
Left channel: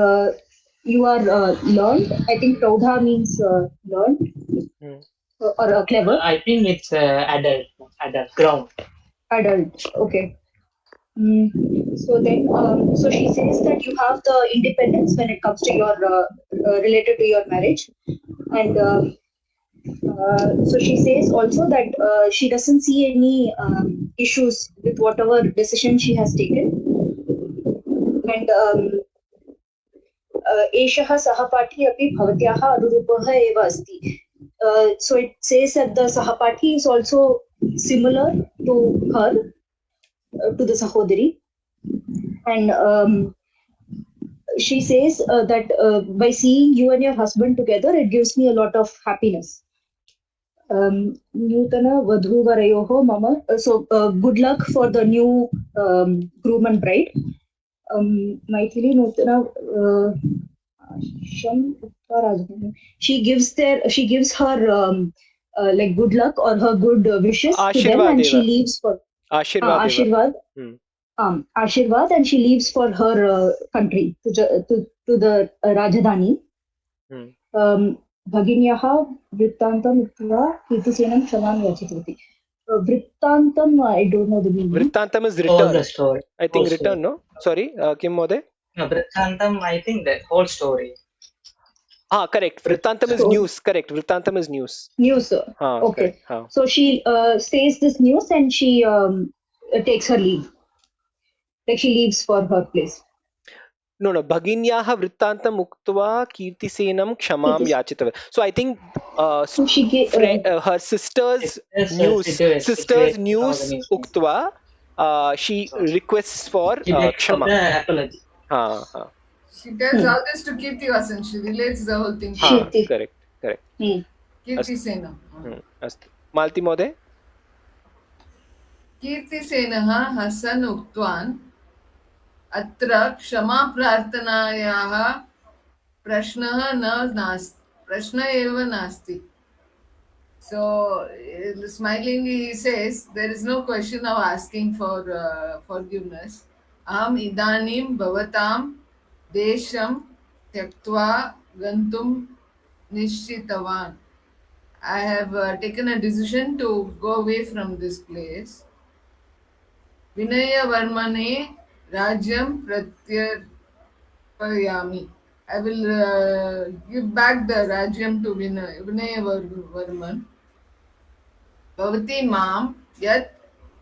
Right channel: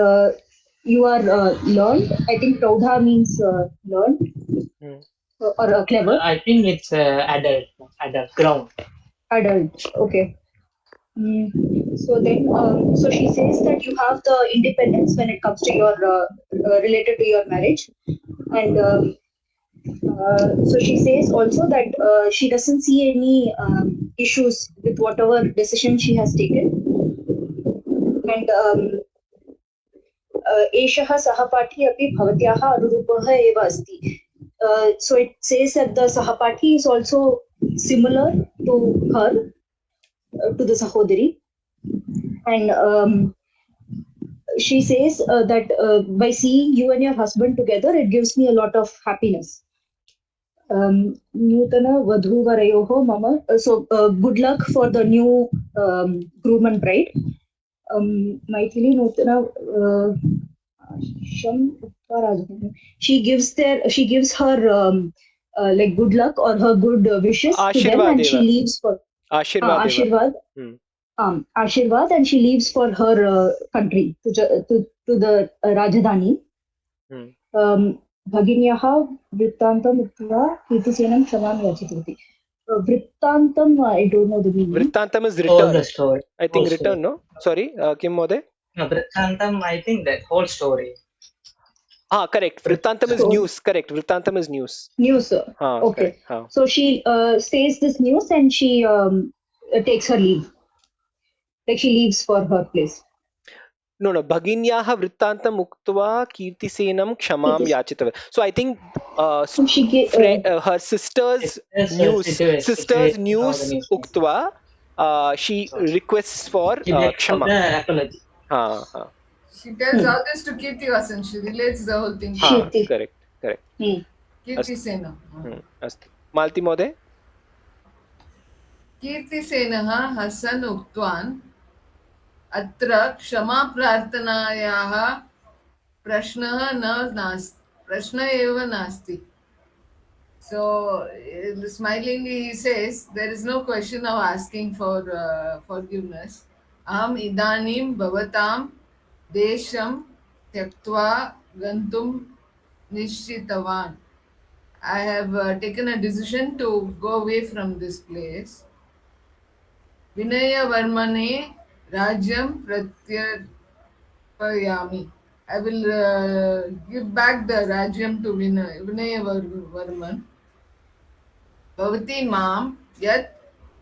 you are learned. I think Praudha means learned or clever. I think it's adult, grown. Adult, okay. So then, so she says that you have the independence when it comes to your related to your marriage, and so she says also that she doesn't see any issues with whatever decision she has taken, and एषः सहपाठी अपि भवत्याः अनुरूपः एव अस्ति. So it says that the Sahapati is also similar to her, to the Sahodari, and she says that by seeing you and your husband together, it gives me a lot of happiness. Nutana vadhuvarayoho mama. So good luck for the new groom and bride. Maithili nutana. She gives her like good luck or her good wishes to them, and she leaves for Ashirvad. Ashirvad, and she leaves for her country to the Rajdhani. Bhaginyaha Vrittantam Uttva Kirtisenam Kshamam Yachitavati. Vrittantam, I don't know the meaning. Vrittantam is return. I think return, no? Sorry, Kim Mode? No, Vrittantam, I think that whole story. Correct. Vrittantam is news. Correct. Vrittantam is news. News, sir. Okay. So she says this news and she takes her leave. Like she leaves for her place. No. Bhaginyaha Vrittantam Uktva Kirtisenam Kshamam Yachitava. So I think her sister's news Uktva, she requests for Kshama. She tells all this to Kirtivasan. She relates the whole thing. Correct. Kirtisena. Astu. Malti Mode? Kirtisenah Hasan Uktwan Atra Kshama Prarthanayaha Prashna eva nasti. So smilingly he says there is no question of asking for forgiveness. Aham idanim bhavatam desham tyaktva gantum nishchitavan. I have taken a decision to go away from this place. Vinaya Varmane Rajyam Pratyarpayami. I will give back the Rajyam to Vinaya Varman. Bhavati Mam Yat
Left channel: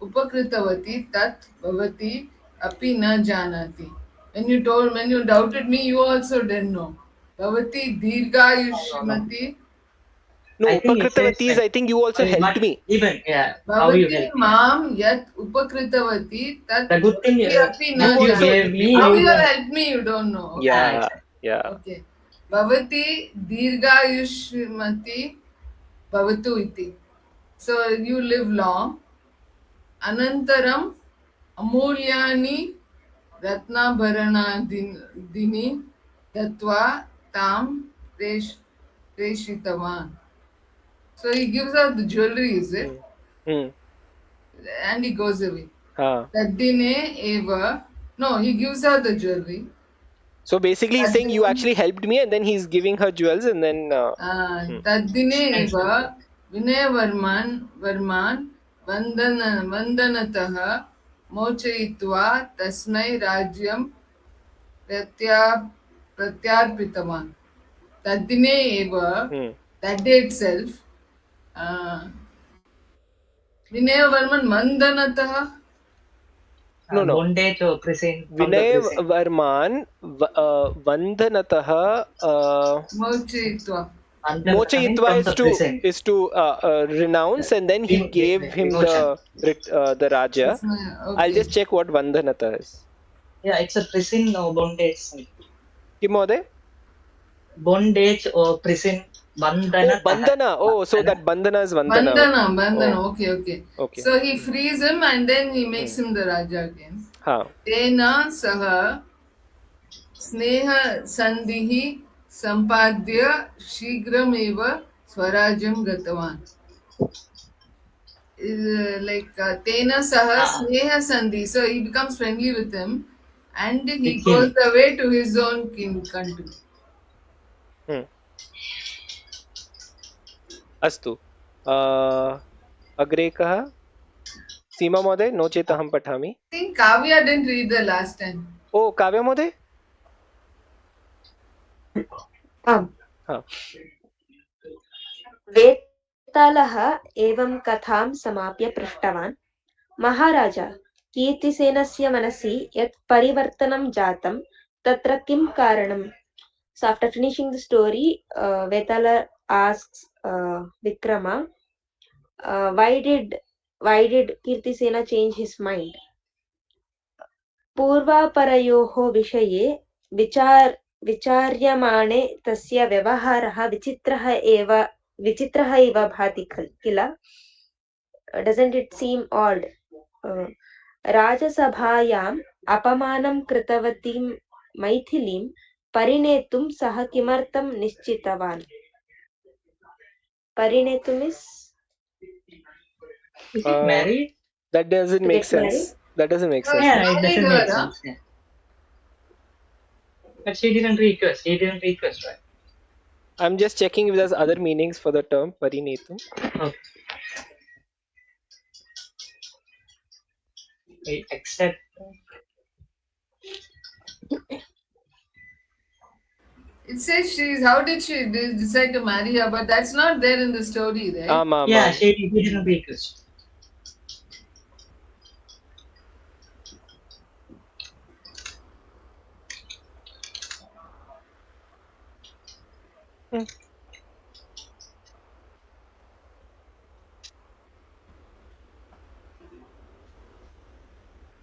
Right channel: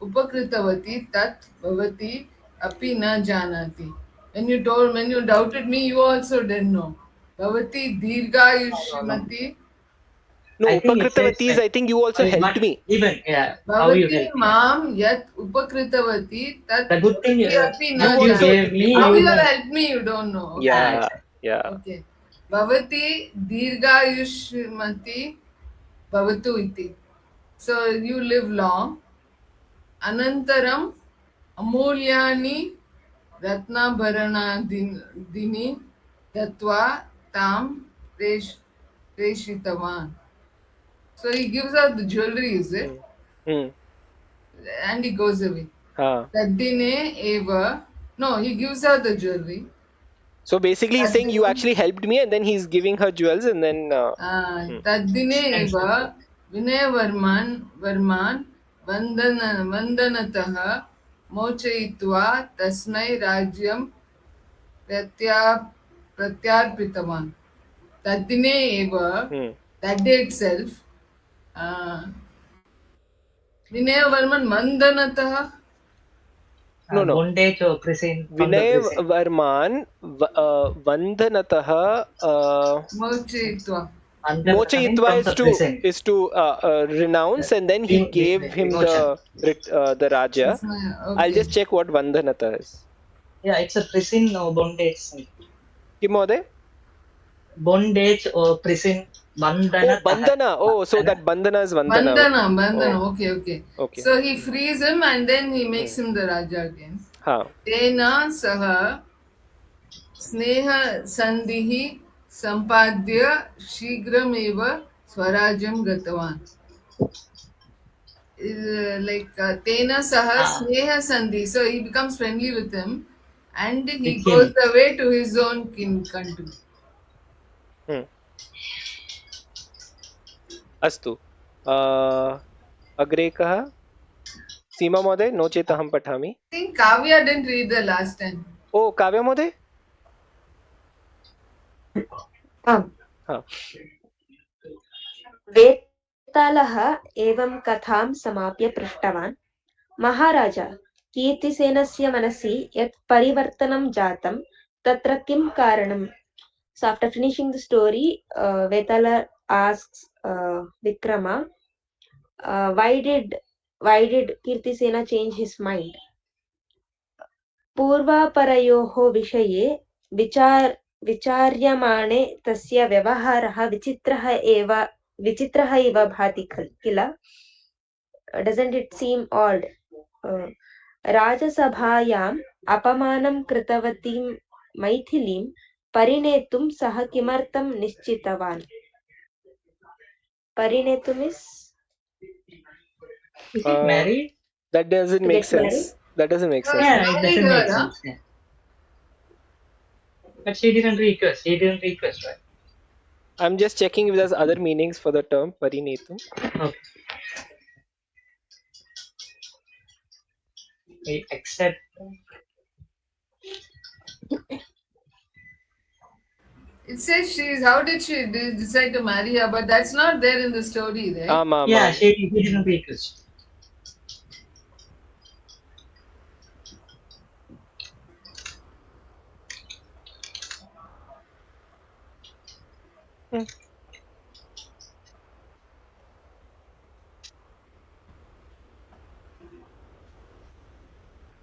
Upakritavati Tat Bhavati Api Na Janati. When you doubted me, you also didn't know. Bhavati Dirghayushmati. No, I think it says upakritavati is, I think you also helped me. Even, yeah, how you Bhavati helped me. Mam Yat Upakritavati Tat The good thing Api You Na also gave me. How you, you have helped me, you don't know. yeah, yeah. Okay. Bhavati Dirghayushmati Bhavatu iti. So you live long. Anantaram Amulyani Ratnabharanadini Datva Tam Reshitavan. So he gives out the jewelry, is it? Hmm. And he goes away. Ah. Taddine eva. No, he gives out the jewelry. So basically, he's saying you actually helped me, and then he's giving her jewels, and then. Taddine eva Varman Vandanatah Mochayitva Tasmai Rajyam Pratyarpitavan. Taddine eva, that day itself, Vinaya Mandanatah. No. Bondage or prison. Vinay Varman Vandhanatah Mochayitva is to renounce, and then he gave him the Raja. Okay. I'll just check what Vandhanatah is. Yeah, it's a prison or bondage. Kim Mode? Bondage or prison. Bandhana. Oh, Bandhana. Oh, so that Bandhana is Vandana. Bandhana. Oh. Okay. Okay. So he frees him and then he makes him the Raja again. Tena saha sneha sandhihi sampadya shigram eva swarajam gatavan. Like tena saha sneha sandhi. So he becomes friendly with him and he goes away to his own country. अस्तु अग्रे कः सीमा महोदय नो चेत् अहं पठामि I think Kavya didn't read the last time. ओ काव्य महोदय वेतालः एवं कथां समाप्य पृष्टवान् महाराज कीर्तिसेनस्य मनसि यत् परिवर्तनं जातं तत्र किं कारणम्? So after finishing the story, Vetala asks Vikrama, why did Kirtisena change his mind? पूर्वापरयोः विषये विचार्यमाणे तस्य व्यवहारः विचित्रः इव भाति किल? Doesn't it seem odd? राजसभायाम् अपमानं कृतवतीं मैथिलीं परिणेतुं सः किमर्थं निश्चितवान्? परिणेतुं is married? That doesn't make sense. That doesn't make sense. Yeah, it doesn't make sense. Yeah. But she didn't request. Right? I'm just checking if there's other meanings for the term parinetum. Okay. We accept. It says how did she decide to marry her? But that's not there in the story, right? Yeah, she didn't request.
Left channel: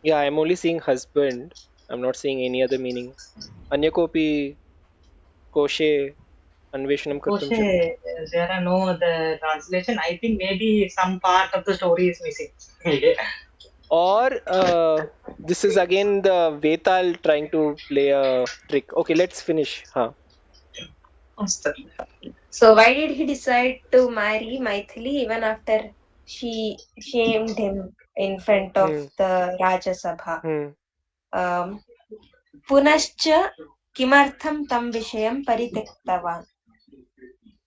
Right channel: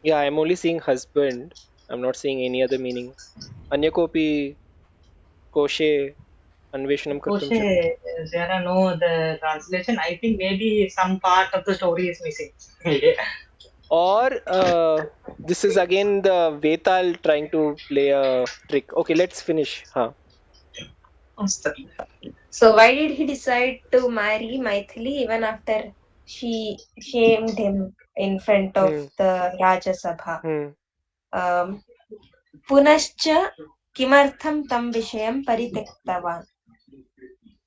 Yeah, I'm only seeing husband. I'm not seeing any other meaning. Anya kopi koshe anveshanam kartum Koshe, there are no other translation. I think maybe some part of the story is missing. Or this is again the Vetal trying to play a trick. Okay, let's finish. So why did he decide to marry Maithili even after she shamed him in front of the Raja Sabha? Punascha kimartham tam vishayam parityaktavan.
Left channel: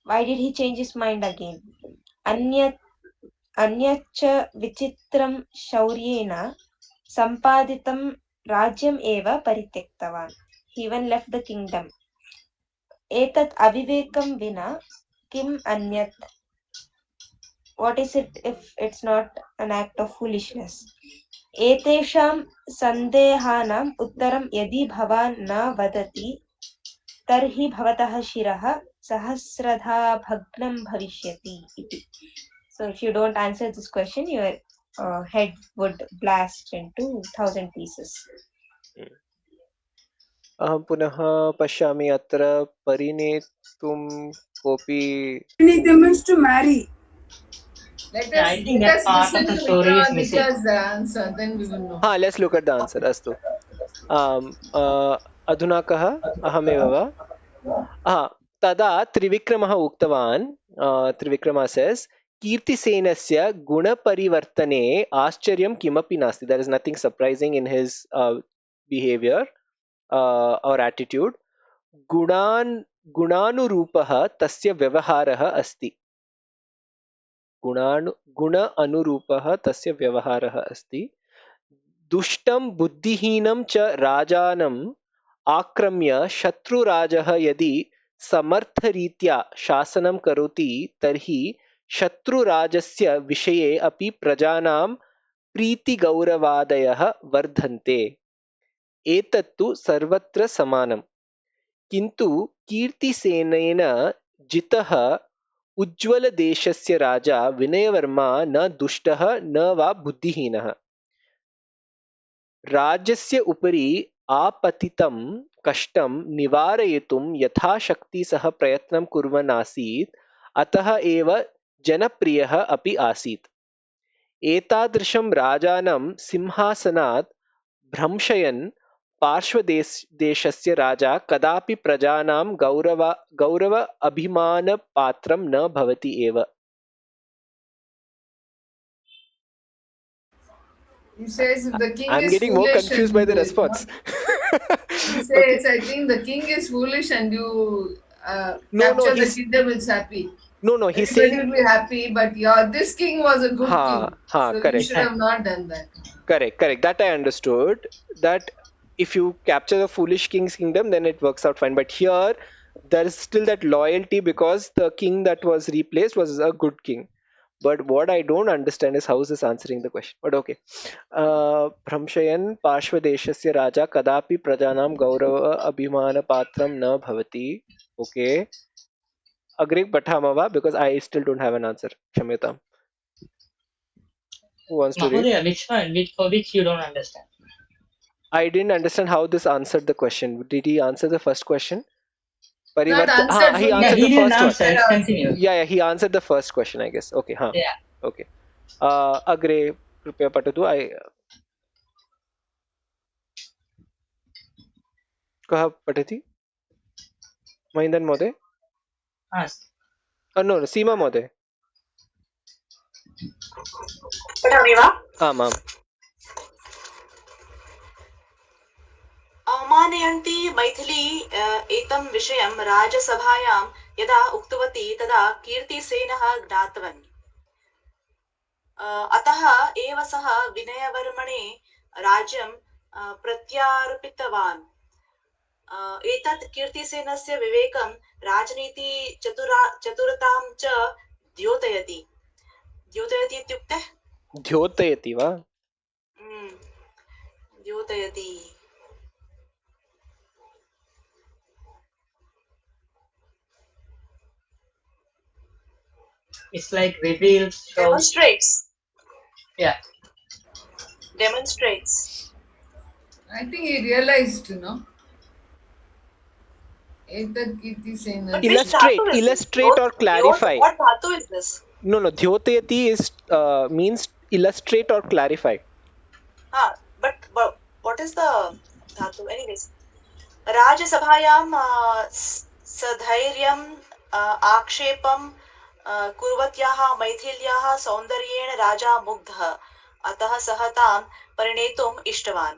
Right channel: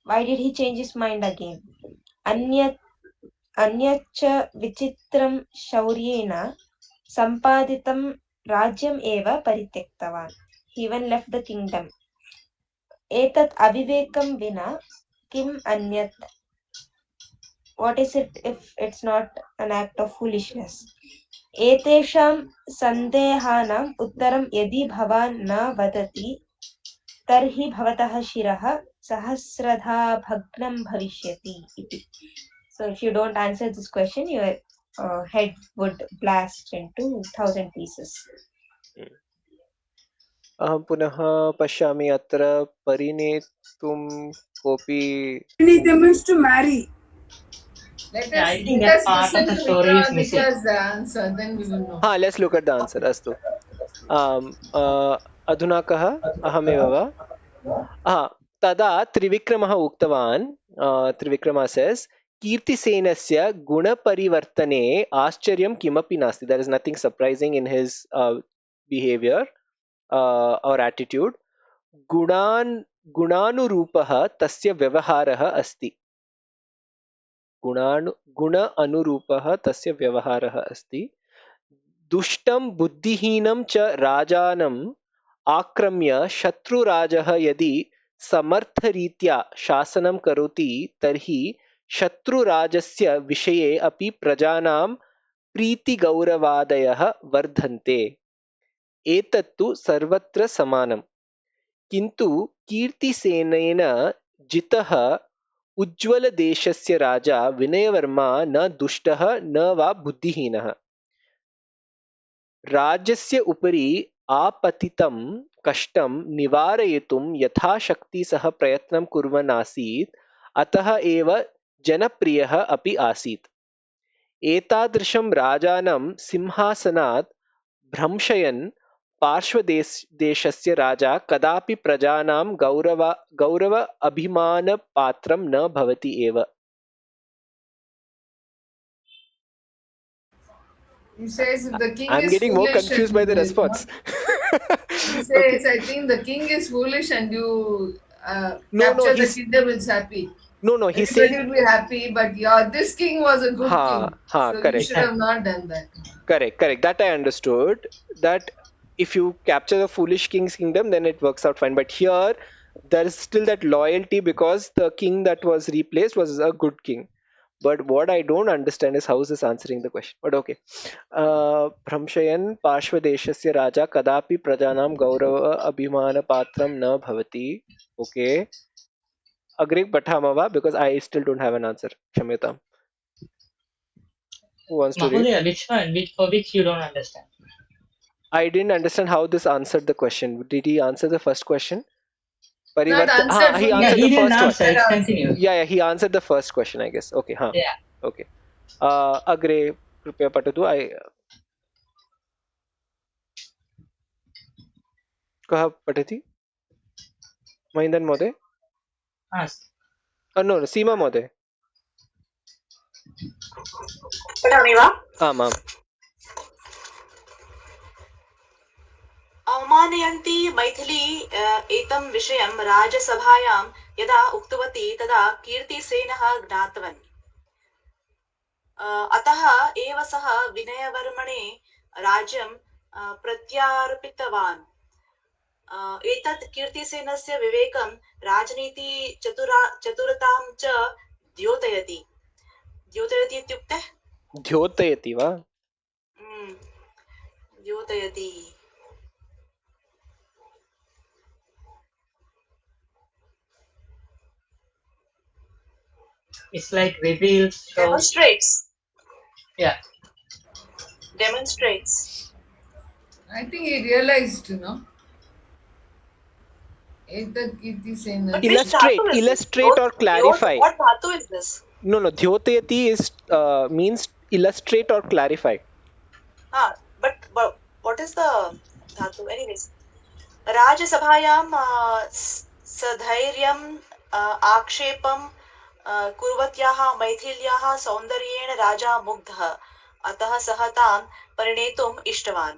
Why did he change his mind again? Anyacha vichitram shauryena sampaditam rajyam eva parityaktavan. He even left the kingdom. Etat avivekam vina kim anyat. What is it if it's not an act of foolishness? Etesham sandehanam uttaram yadi bhavan na vadati तर्हि भवतः शिरः सहस्रधा भग्नं भविष्यति इति. So if you don't answer this question, your head would blast into 1,000 pieces. अहं पुनः पश्यामि अत्र परिणेतुं कोऽपि Pranita means to marry. Yeah, I think that part of the story is missing. The answer, then we will know. हा, let's look at the answer. अस्तु, अधुना कः? अहमेव वा? तदा त्रिविक्रमः उक्तवान्, त्रिविक्रमः सेस्, कीर्तिसेनस्य गुणपरिवर्तने आश्चर्यं किमपि नास्ति. There is nothing surprising in his behaviour और एटीट्यूड. गुणानुरूपः तस्य व्यवहारः अस्ति. गुण अनुरूपः तस्य व्यवहारः अस्ति. दुष्टं बुद्धिहीनं च राजानम् आक्रम्य शत्रुराजः यदि समर्थरीत्या शासनं करोति तर्हि शत्रुराजस्य विषये अपि प्रजानां प्रीतिगौरवादयः वर्धन्ते. एतत्तु सर्वत्र समानम्. किन्तु कीर्तिसेनेन जितः उज्ज्वलदेशस्य राजा विनयवर्मा न दुष्टः न वा बुद्धिहीनः. राज्यस्य उपरि आपतितं कष्टं निवारयितुं यथाशक्ति सः प्रयत्नं कुर्वन् आसीत्. अतः एव जनप्रियः अपि आसीत्. एतादृशं राजानं सिंहासनात् भ्रंशयन् पार्श्वदेशस्य राजा कदापि प्रजानां गौरव अभिमानपात्रं न भवति एव. He says the king I'm is getting more foolish confused and by the you- response. He says, I think the king is foolish and you No, capture the he's- kingdom is happy. No, he's Everybody saying will be happy, but this king was a good king. So correct. you should have not done that. Correct. That I understood. That if you capture the foolish king's kingdom, then it works out fine. But here, there is still that loyalty because the king that was replaced was a good king. But what I don't understand is how is this answering the question. But okay. Bhramshayan Parshvadeshasya Raja Kadapi Prajanam Gaurava Abhimanapatram Na Bhavati. Okay. Agri Pathamava, because I still don't have an answer. Kshamyatam. Who wants to read? Mahodaya, which one? For which you don't understand? I didn't understand how this answered the question. Did he answer the first question? Not answered He fully. answered he the didn't first one. answer. It's continued. Yeah, he answered the first question, I guess. Okay, Yeah. Okay. Agre कृपया पठतु. कः पठति? महेन्द्रन् महोदय? No, सीमा महोदय. पठामि वा? आम्. अवमानयन्ती मैथिली एतं विषयं राजसभायां यदा उक्तवती तदा कीर्तिसेनः ज्ञातवान्. अतः एव सः विनयवर्मणे राज्यं प्रत्यार्पितवान्. एतत् कीर्तिसेनस्य विवेकं राजनीति चतुरतां च द्योतयति. द्योतयति इत्युक्ते द्योतयति वा? द्योतयति. It's like reveals, shows. Demonstrates. Yeah. Demonstrates. I think he realized, Etat Kirtisena. Illustrate or clarify. What dhatu is this? No. Dhyotayati is means illustrate or clarify. But what is the dhatu? Anyways, Rajasabhayam sadhairyam akshepam कुर्वत्याः मैथिल्याः सौन्दर्येण राजा मुग्धः. अतः सः तां परिणेतुम् इष्टवान्.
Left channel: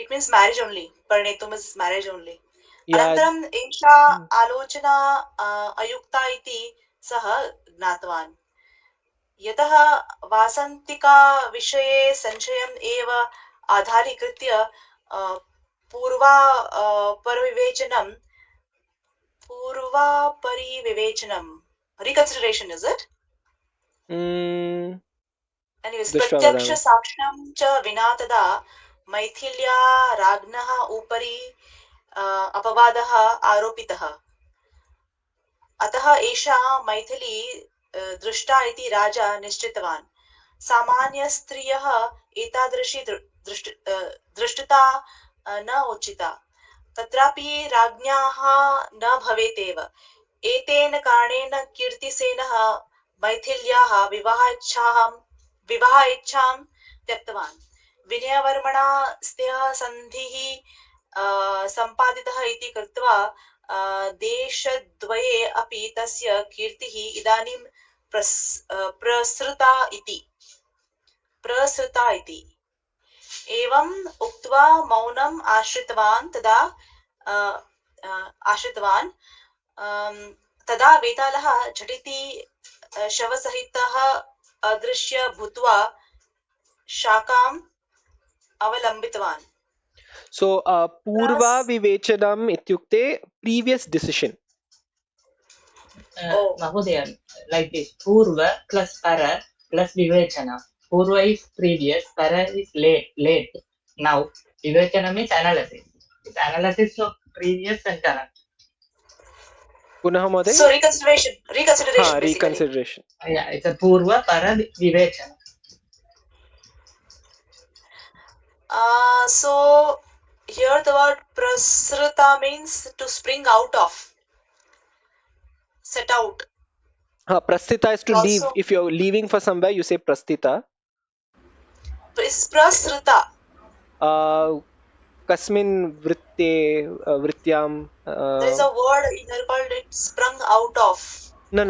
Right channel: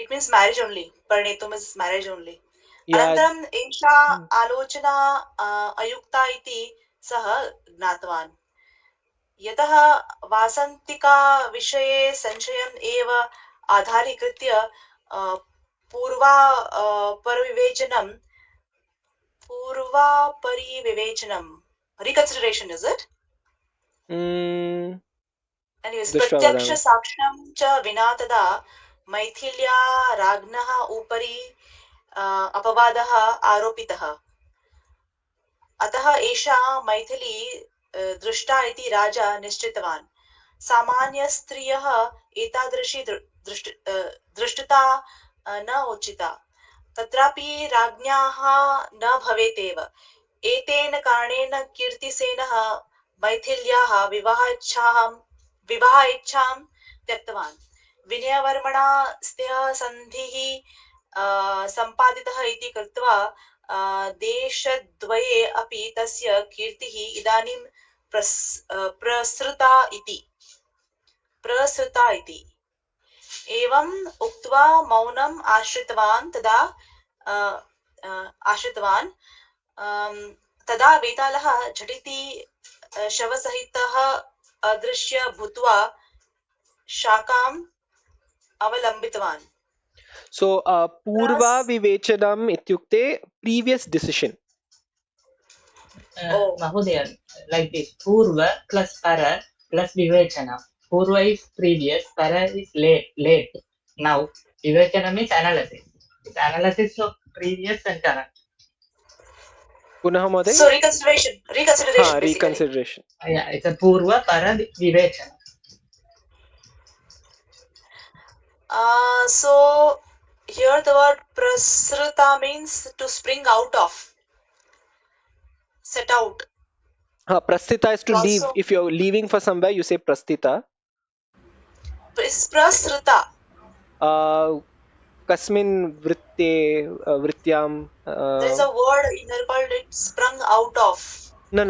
It means marriage only. परिणेतुम् is marriage only. अनन्तरम् एषा आलोचना अयुक्ता इति सः ज्ञातवान्. यतः वासन्तिका विषये संशयम् एव आधारीकृत्य पूर्वापरिविवेचनम् reconsideration, is it? Anyways, प्रत्यक्ष साक्ष्यं च विना तदा मैथिल्या राज्ञः उपरि अपवादः आरोपितः। अतः एषा मैथिली दृष्टा इति राजा निश्चितवान्। सामान्यस्त्रियः एतादृशी दृष्टता न उचिता। तत्रापि राज्ञाः न भवेतेव। एतेन कारणेन कीर्तिसेनः मैथिल्याः विवाह इच्छां त्यक्तवान्। विनयवर्मणा सह सन्धिः सम्पादितः इति कृत्वा देशद्वये अपि तस्य कीर्तिः इदानीं प्रसृता इति। एवम् उक्त्वा मौनम् आश्रितवान्। तदा वेतालः झटिति शवसहितः अदृश्य भूत्वा शाखाम् अवलम्बितवान्। So पूर्वा विवेचनम् इत्युक्ते previous decision. Mahodaya, like this, Purva plus Para plus Vivechana. Purva is previous, Para is late. Now, Vivechana means analysis. It's analysis of previous and current. पुनः महोदय? So reconsideration. हाँ, reconsideration. Yeah, it's a Purva, Para, Vivechana. So here the word prasrita means to spring out of, set out. Prasthita is to Also, leave. If you're leaving for somewhere, you say prasthita. Prasrita. Kasmin vrityam. There is a word in there called it sprung out of. No.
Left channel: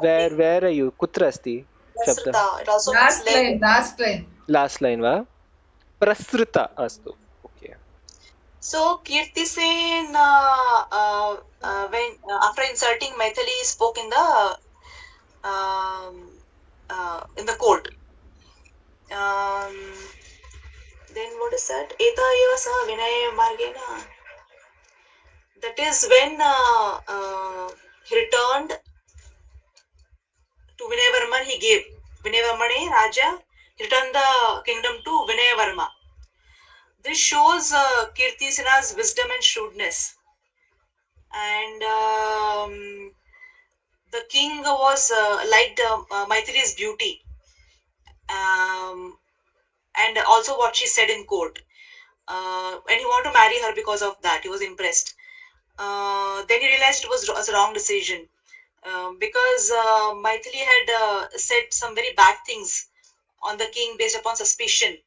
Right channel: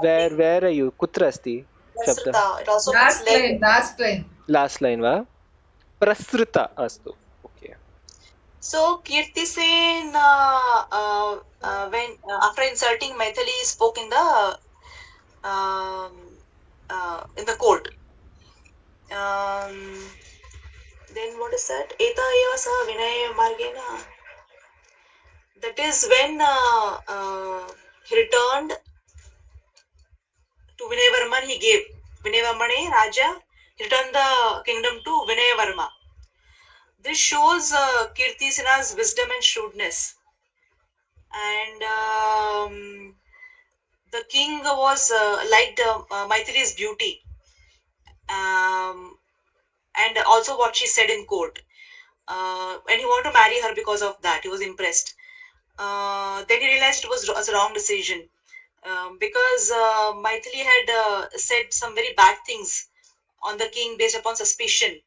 Where are you? Kutra asti? Prasrita. It also means Last line. Last line va? Prasrita astu. Okay. So Kirtisen, when after inserting Maithili, spoke in the court. Then what is that? Eta eva saha vinaya margena. That is when he returned to Vinay Varman. He gave Vinay Varmane Raja. He returned the kingdom to Vinay Varma. This shows Kirtisena's wisdom and shrewdness. And the king was liked Maithili's beauty, and also what she said in court. And he wanted to marry her because of that. He was impressed. Then he realized it was a wrong decision, because Maithili had said some very bad things on the king based upon suspicion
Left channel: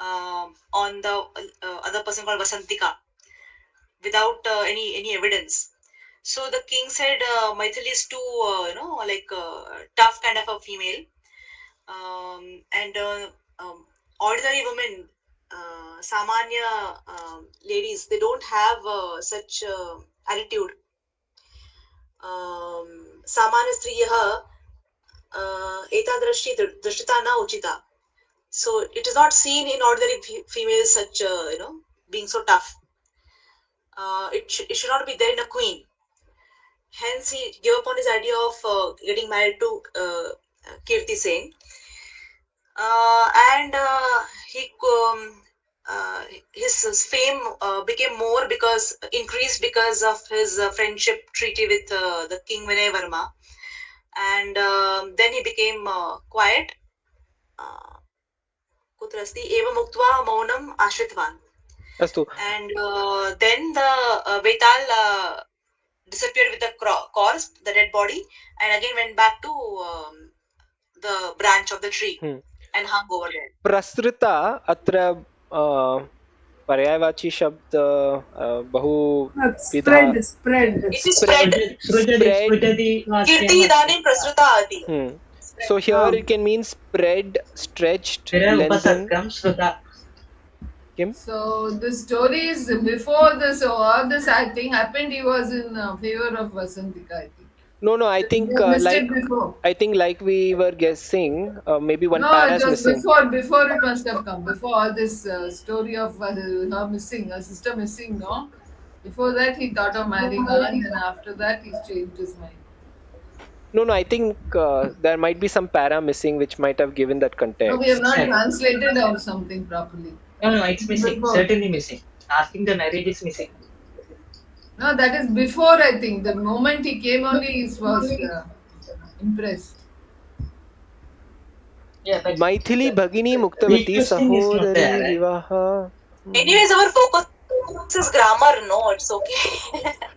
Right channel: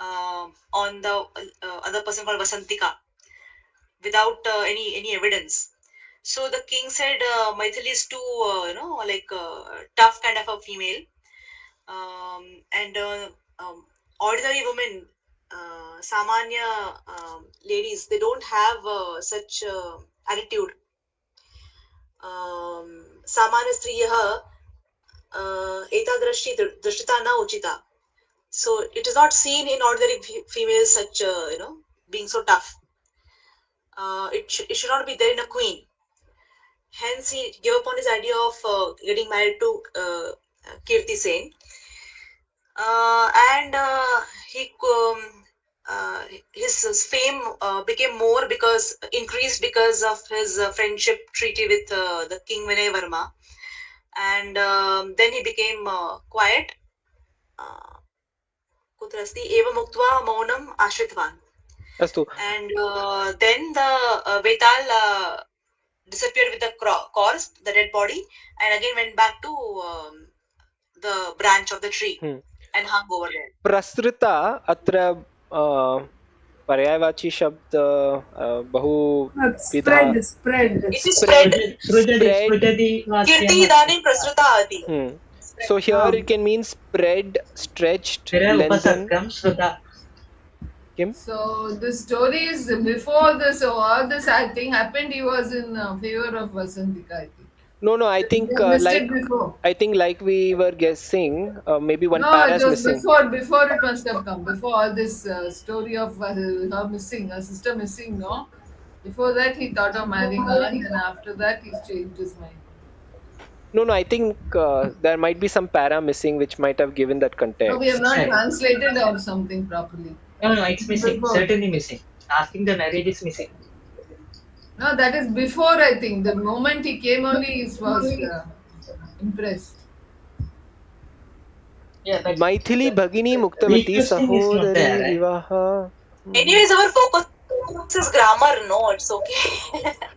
on the other person called Vasantika, without any evidence. So the king said Maithili is too tough kind of a female, and ordinary women, samanya ladies, they don't have such attitude. Samanya striyah etadrishti drishtita na uchita. So it is not seen in ordinary females such being so tough. It should not be there in a queen. Hence he gave up on his idea of getting married to Kirti Sen. And his fame became more increased because of his friendship treaty with the king Vinay Varma. And then he became quiet. Kutrasti eva muktva maunam ashritvan. Astu. And then the Vetal disappeared with the corpse, the dead body, and again went back to the branch of the tree and hung over there. Prasrita atra पर्यायवाची शब्द बहु spread. It is spread. Kirti idanim prasrita ati. So here it can mean spread, stretched, lengthened. So the story is before this, all this thing happened, he was in favor of Vasantika, I think. No, I think like we were guessing, maybe one para is missing. Before it must have come. Before all this story of her missing, her sister missing, no? Before that he thought of marrying her, and then after that he changed his mind. No, I think there might be some para missing which might have given that context. No, we have not translated or something properly. No, it's missing. Certainly missing. Asking the marriage is missing. No, that is before, I think. The moment he came only, he was impressed. Yeah, but Maithili भगिनी मुक्तवती Interesting is not Sahodari there, right? विवाह. Anyways, our focus is grammar. No, it's okay.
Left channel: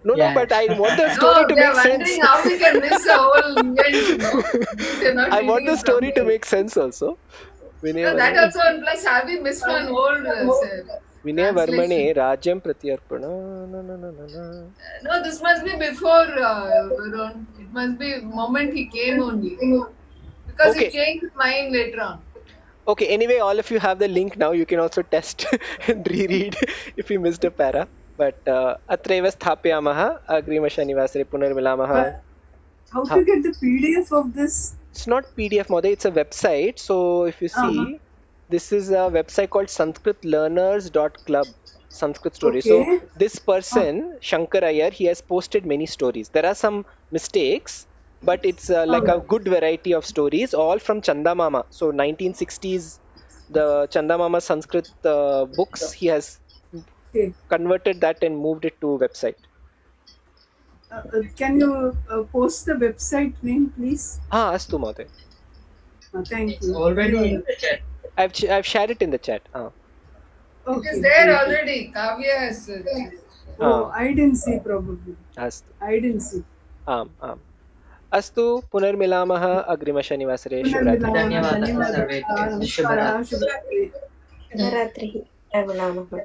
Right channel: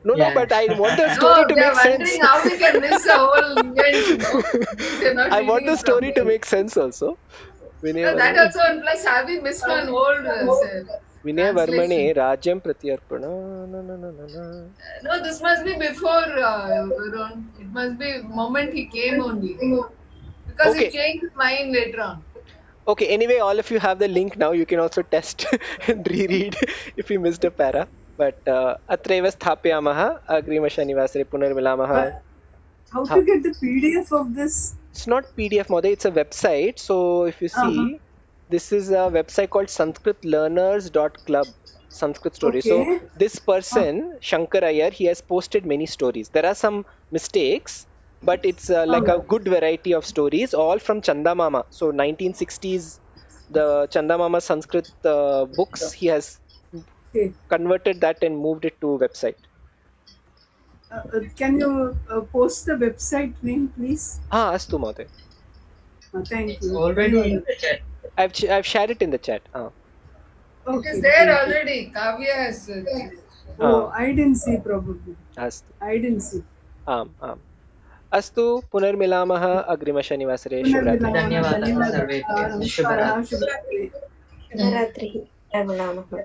No, Yeah. but I want the story No, to they are make sense. wondering how we can miss the whole event. No? They're not I want reading the story to properly. make sense also. Vinaya No, that Varmane, also, and plus have we missed one whole Vinaya Varmane translation? Rajyam Pratyarpana. No, no, no, no, no. No, this must be before Varun. It must be moment he came only. Because Okay. he changed his mind later on. Okay, anyway, all of you have the link now. You can also test and reread if you missed a para. But अत्रैव स्थापयामः अग्रिमशनिवासरे पुनर्मिलामः. How Huh. to get the PDF of this? It's not PDF, Moday. It's a website. So if you see, this is a website called sanskritlearners.club. Sanskrit story. So Okay. this person, Shankar Iyer, he has posted many stories. There are some mistakes, but it's like a good variety of stories, all from Chanda Mama. So 1960s, the Chanda Mama Sanskrit books, he has Okay. converted that and moved it to website. Can you post the website name, please? Astu Moday. Thank It's you. already in the chat. I've shared it in the chat. It Okay. is there thank you. already. Kavya has. Oh, I didn't see probably. Astu. I didn't see. आम् अस्तु पुनर्मिलामः अग्रिमशनिवासरे शिवरात्रि धन्यवादः सर्वेभ्यः. नमस्कारः, शुभरात्रिः. शुभरात्रिः. मिलामः.